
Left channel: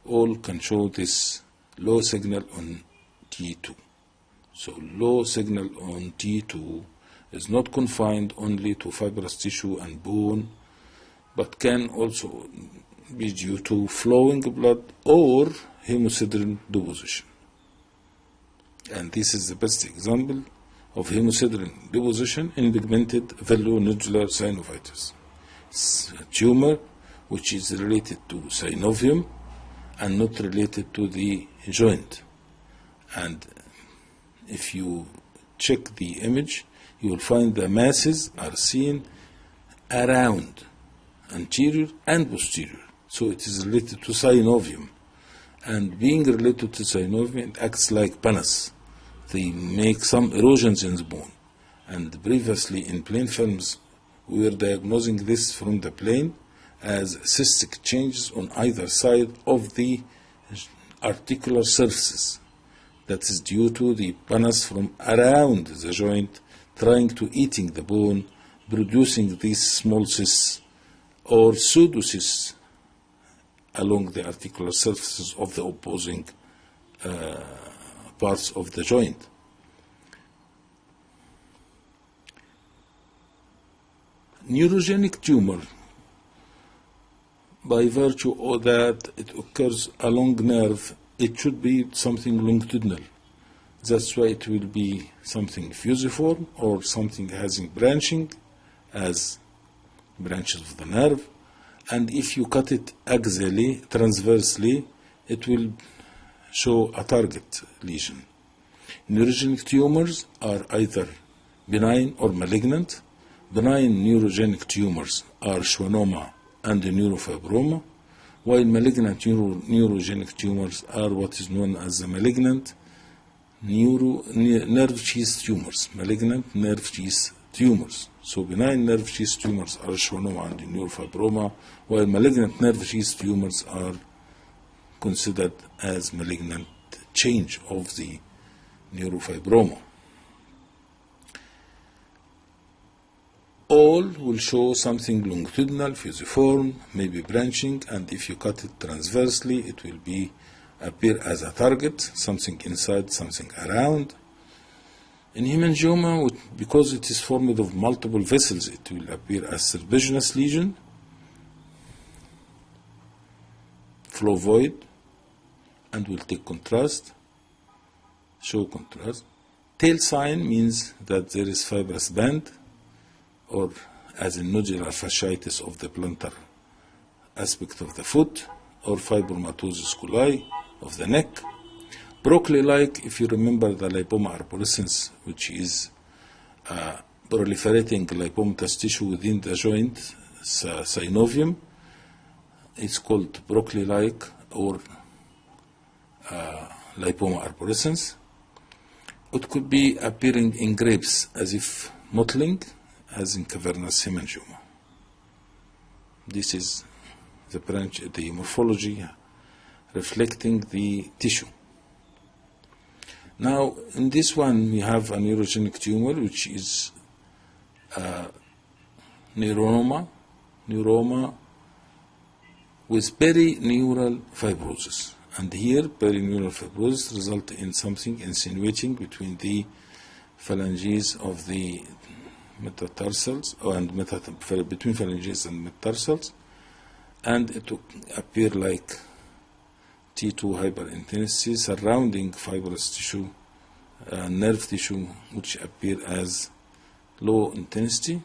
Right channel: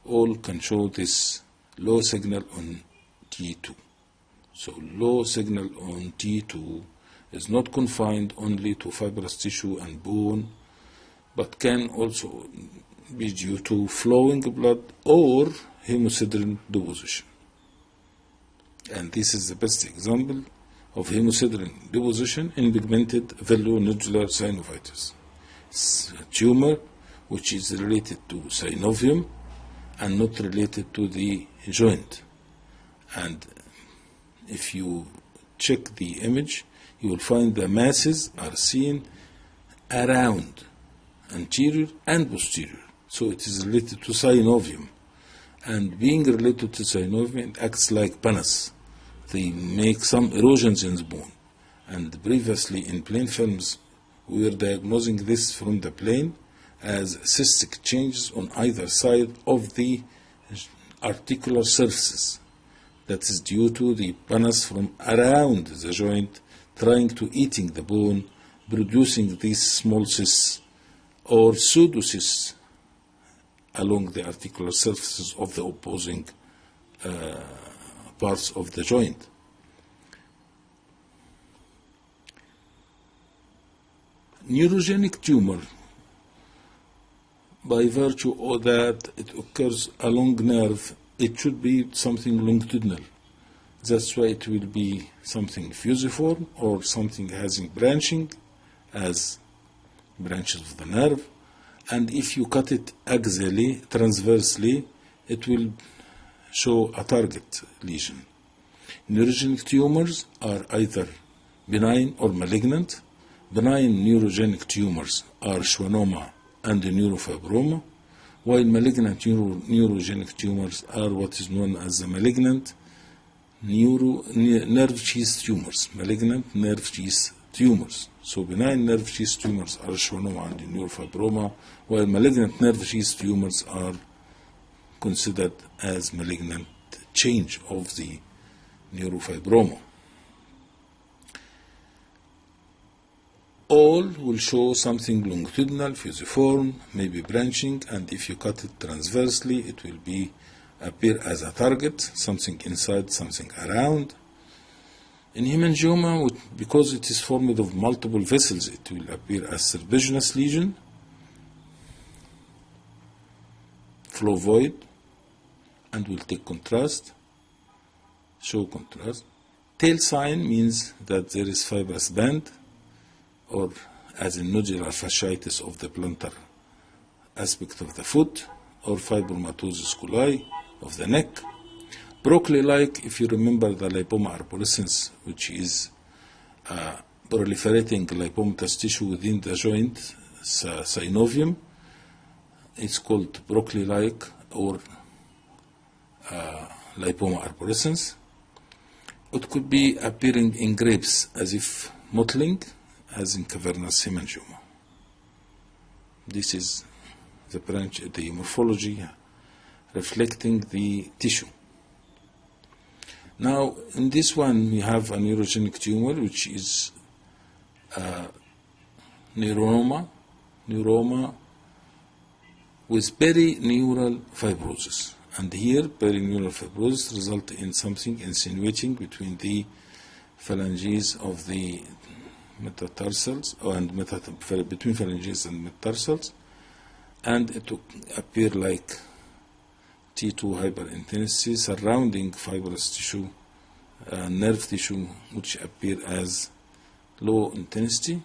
all can show this low signal on T2. So low signal on T2 is not confined only to fibrous tissue and bone, but can also be due to flowing blood or hemosiderin deposition. And this is the best example of hemosiderin deposition in pigmented velonuclear synovitis. It's a tumor which is related to synovium and not related to the joint. And if you check the image, you will find the masses are seen around anterior and posterior. So it is related to synovium. And being related to synovium, it acts like panas. They make some erosions in the bone. And previously in plain films, we were diagnosing this from the plane as cystic changes on either side of the articular surfaces. That is due to the panas from around the joint trying to eating the bone, producing these small cysts or pseudocysts along the articular surfaces of the opposing parts of the joint. Neurogenic tumor, by virtue of that it occurs along nerve, it should be something longitudinal. That's why it will be something fusiform or something having branching as branches of the nerve. And if you cut it axially, transversely, it will show a target lesion. Neurogenic tumors are either benign or malignant. Benign neurogenic tumors are schwannoma and neurofibroma, while malignant neurogenic tumors are what is known as the malignant nerve sheath tumors, malignant nerve sheath tumors. So benign nerve sheath tumors are schwannoma and neurofibroma, while malignant nerve sheath tumors are considered as malignant change of the neurofibroma. All will show something longitudinal, fusiform, maybe branching, and if you cut it transversely, it will appear as a target, something inside, something around. In hemangioma, because it is formed of multiple vessels, it will appear as serpiginous lesion. flow void, and we'll take contrast, show contrast. Tail sign means that there is fibrous band, or as in nodular fasciitis of the plantar aspect of the foot, or fibromatosis coli of the neck. Broccoli-like, if you remember the lipoma arborescens, which is proliferating lipomatous tissue within the joint synovium, it's called broccoli-like or lipoma arborescens. It could be appearing in grapes as if mottling, as in cavernous hemangioma. This is the branch, the morphology reflecting the tissue. Now, in this one, we have a neurogenic tumor, which is neuroma with perineural fibrosis. And here, perineural fibrosis results in something insinuating between the phalanges of the metatarsals, and between phalanges and metatarsals, and it will appear like T2 hyperintensity surrounding fibrous tissue, nerve tissue, which appear as low intensity.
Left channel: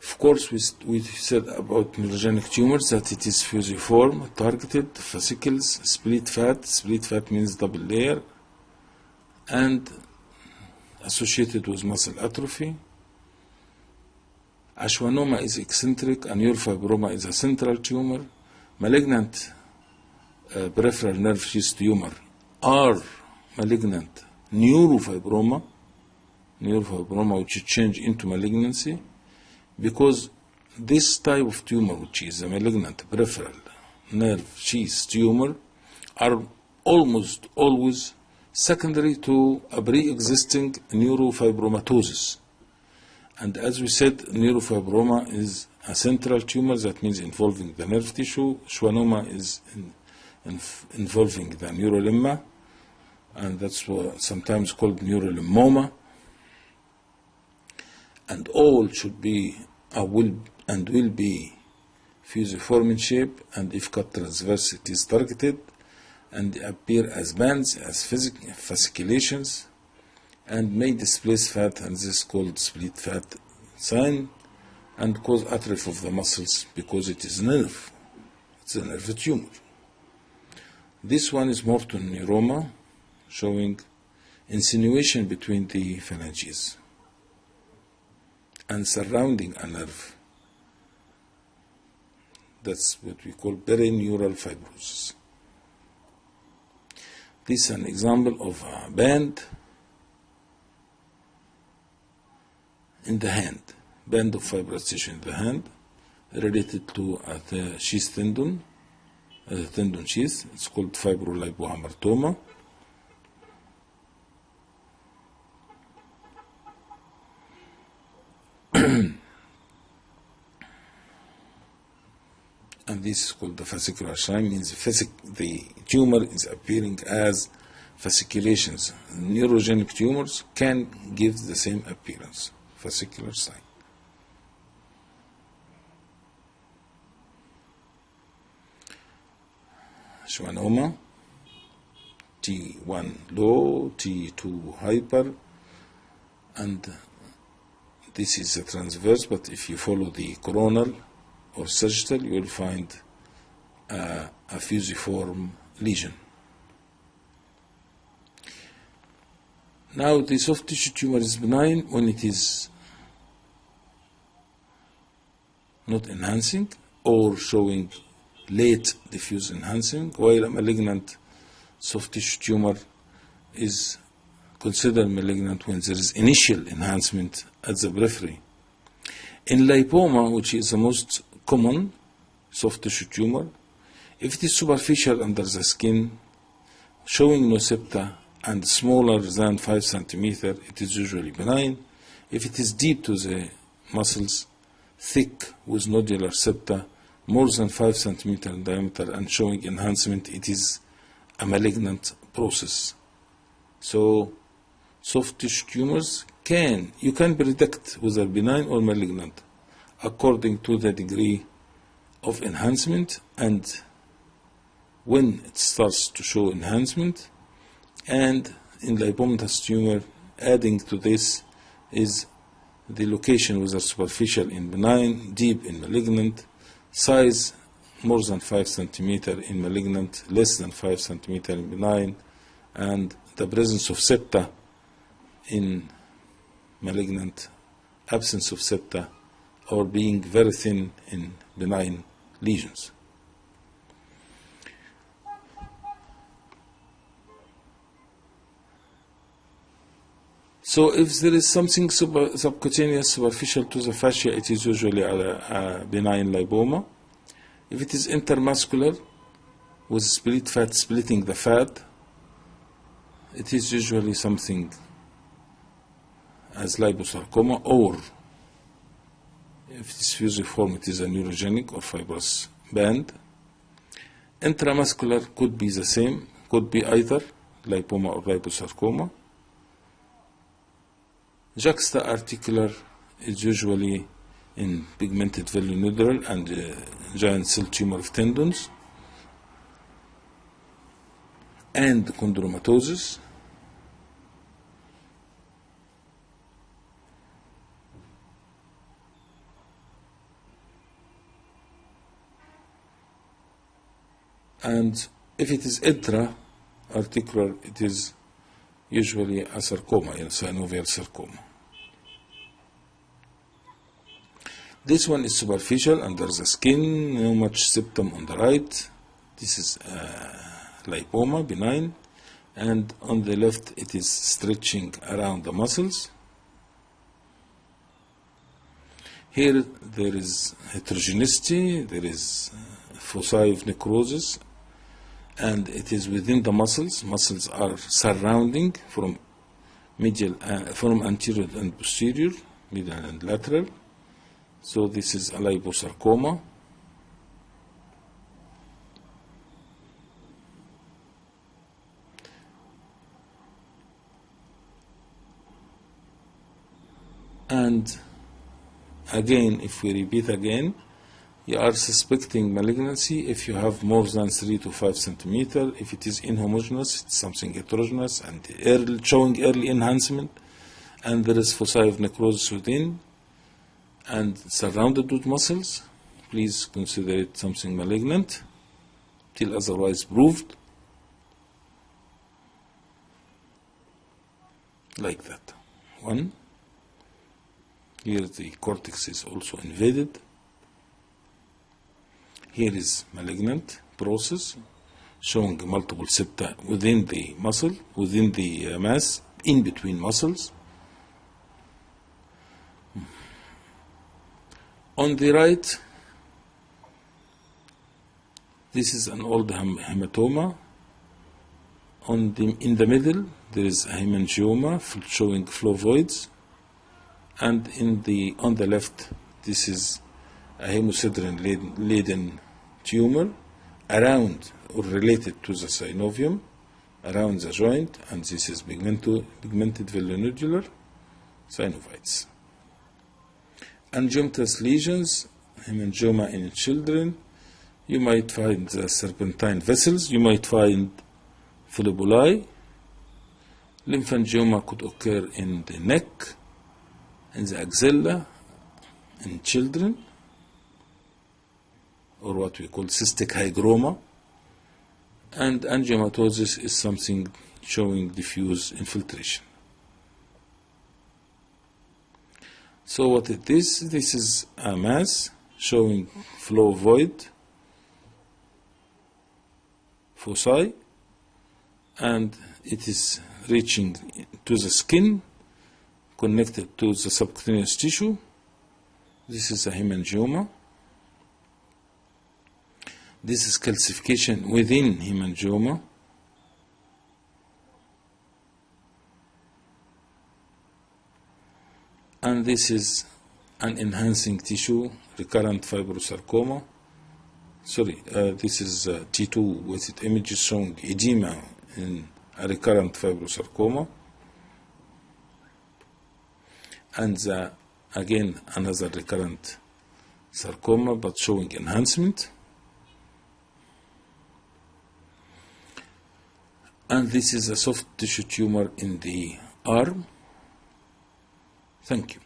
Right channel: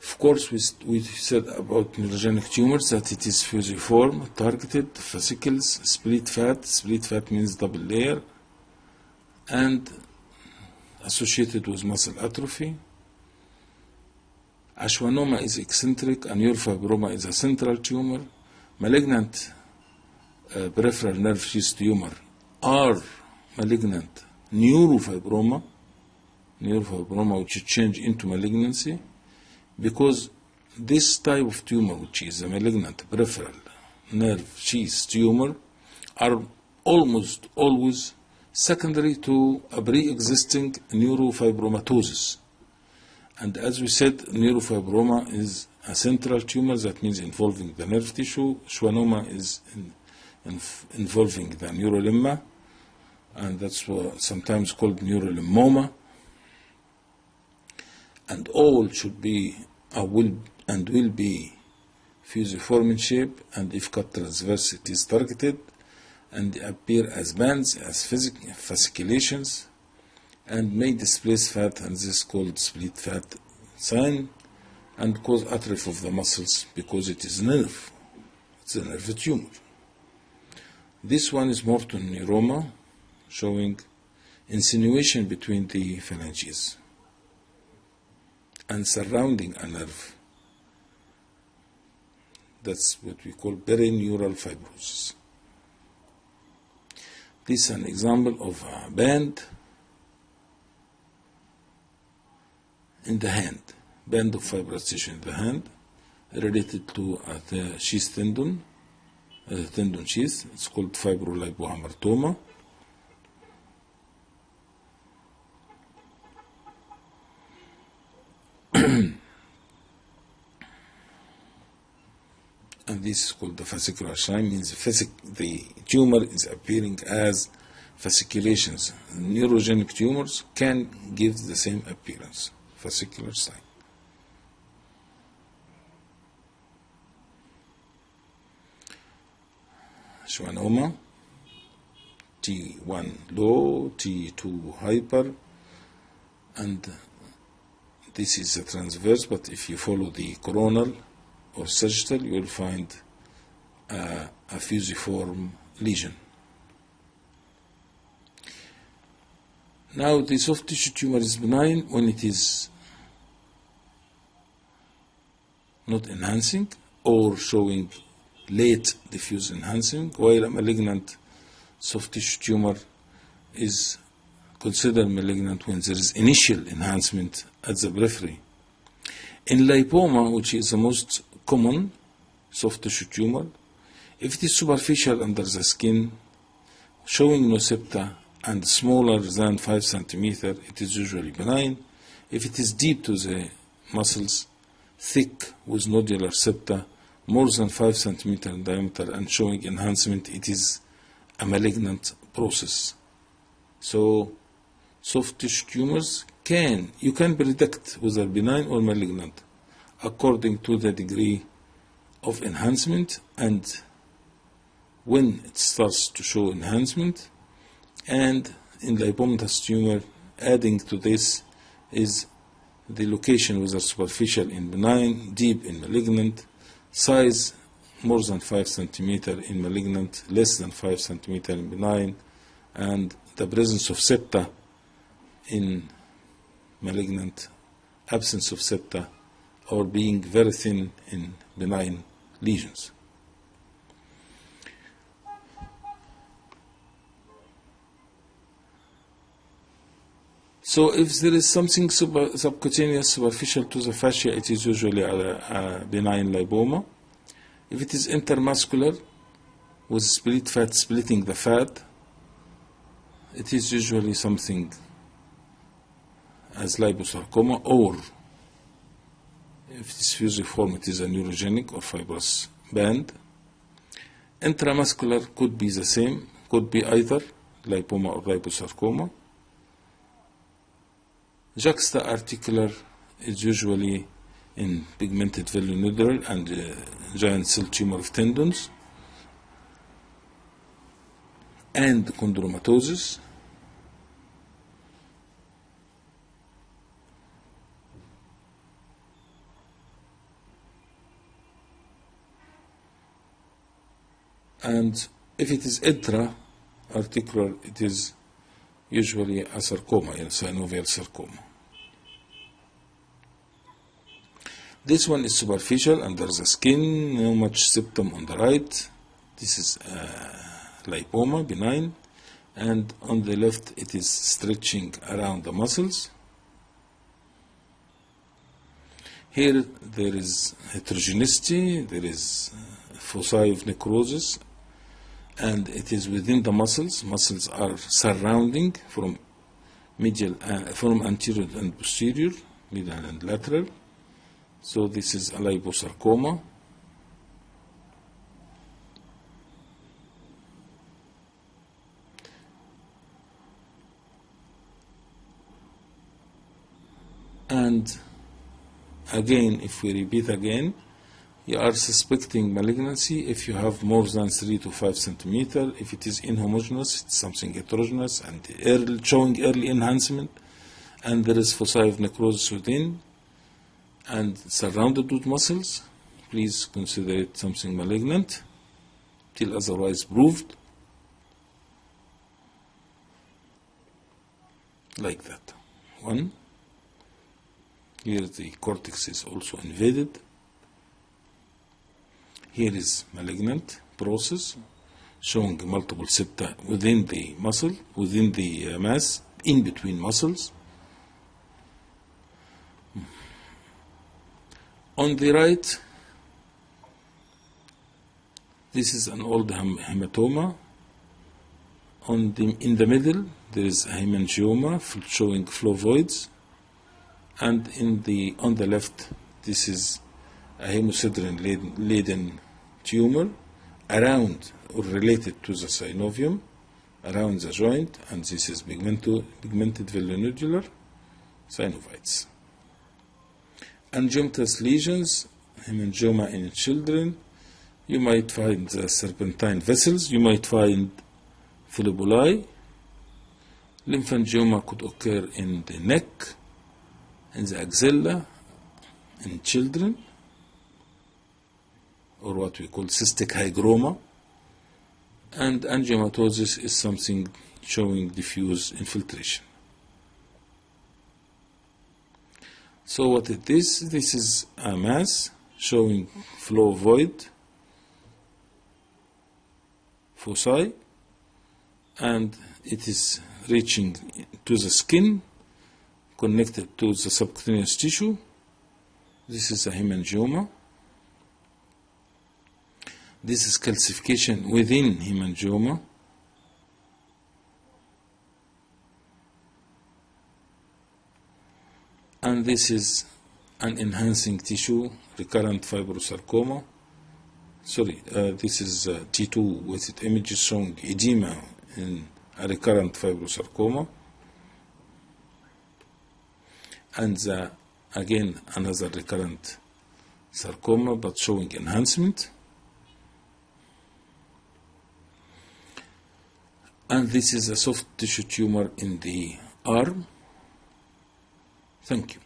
Of course, we said about neurogenic tumors that it is fusiform, targeted, fascicles, split fat. Split fat means double layer, and associated with muscle atrophy. A schwannoma is eccentric, a neurofibroma is a central tumor. Malignant peripheral nerve sheath tumor are malignant neurofibroma which change into malignancy, because this type of tumor, which is a malignant peripheral nerve sheath tumor, are almost always secondary to a pre-existing neurofibromatosis. And as we said, neurofibroma is a central tumor, that means involving the nerve tissue. Schwannoma is involving the neurolemma, and that's sometimes called neurolemmoma. And all should be, will be fusiform in shape, and if cut transverse, it is targeted, and appear as bands, as fasciculations, and may displace fat, and this is called split fat sign, and cause atrophy of the muscles because it is nerve. It's a nerve tumor. This one is Morton neuroma, showing insinuation between the phalanges and surrounding a nerve. That's what we call perineural fibrosis. This is an example of a band in the hand, band of fibrous tissue in the hand, related to the sheath tendon, the tendon sheath. It's called fibrolipohamartoma. And this is called the fascicular sign, means the tumor is appearing as fasciculations. Neurogenic tumors can give the same appearance, fascicular sign. Schwannoma, T1 low, T2 hyper, and this is a transverse, but if you follow the coronal or sagittal, you will find a fusiform lesion. Now, the soft tissue tumor is benign when it is not enhancing or showing late diffuse enhancing, while a malignant soft tissue tumor is considered malignant when there is initial enhancement at the periphery. In lipoma, which is the most common soft tissue tumor, if it is superficial under the skin, showing no septa and smaller than 5 centimeter, it is usually benign. If it is deep to the muscles, thick with nodular septa, more than 5 centimeter in diameter and showing enhancement, it is a malignant process. So, soft tissue tumors you can predict whether benign or malignant according to the degree of enhancement, and when it starts to show enhancement. And in lipomatous tumor, adding to this is the location, whether superficial in benign, deep in malignant, size more than 5 centimeter in malignant, less than 5 centimeter in benign, and the presence of septa in malignant, absence of septa, or being very thin in benign lesions. So if there is something subcutaneous superficial to the fascia, it is usually a benign lipoma. If it is intermuscular with split fat splitting the fat, it is usually something as liposarcoma, or if it is fusiform, it is a neurogenic or fibrous band. Intramuscular could be the same, could be either lipoma or liposarcoma. Juxta-articular is usually in pigmented velonodular and giant cell tumor of tendons, and chondromatosis. And if it is intra-articular, it is usually a sarcoma, a synovial sarcoma. This one is superficial under the skin, no much septum on the right. This is lipoma, benign, and on the left it is stretching around the muscles. Here there is heterogeneity, there is foci of necrosis, and it is within the muscles. Muscles are surrounding from medial, from anterior and posterior, medial and lateral. So this is a liposarcoma. And again, if we repeat again, you are suspecting malignancy if you have more than 3 to 5 centimeter. If it is inhomogeneous, it's something heterogeneous and showing early enhancement, and there is foci of necrosis within and surrounded with muscles, please consider it something malignant till otherwise proved. Like that. One. Here the cortex is also invaded. Here is malignant process showing multiple septa within the muscle, within the mass, in between muscles. On the right, this is an old hematoma. In the middle, there is a hemangioma showing flavoids, and on the left, this is a hemosiderin-laden tumor around or related to the synovium, around the joint, and this is pigmented velonodular synovitis. Angiomatous lesions, hemangioma in children, you might find the serpentine vessels, you might find philobuli. Lymphangioma could occur in the neck, in the axilla, in children, or what we call cystic hygroma. And angiomatosis is something showing diffuse infiltration. So what it is, this is a mass showing flavoid foci, and it is reaching to the skin, connected to the subcutaneous tissue. This is a hemangioma. This is calcification within hemangioma. And this is an enhancing tissue, recurrent fibrosarcoma. Sorry, this is T2 with its images showing edema in a recurrent fibrosarcoma. And again, another recurrent sarcoma but showing enhancement. And this is a soft tissue tumor in the arm. Thank you.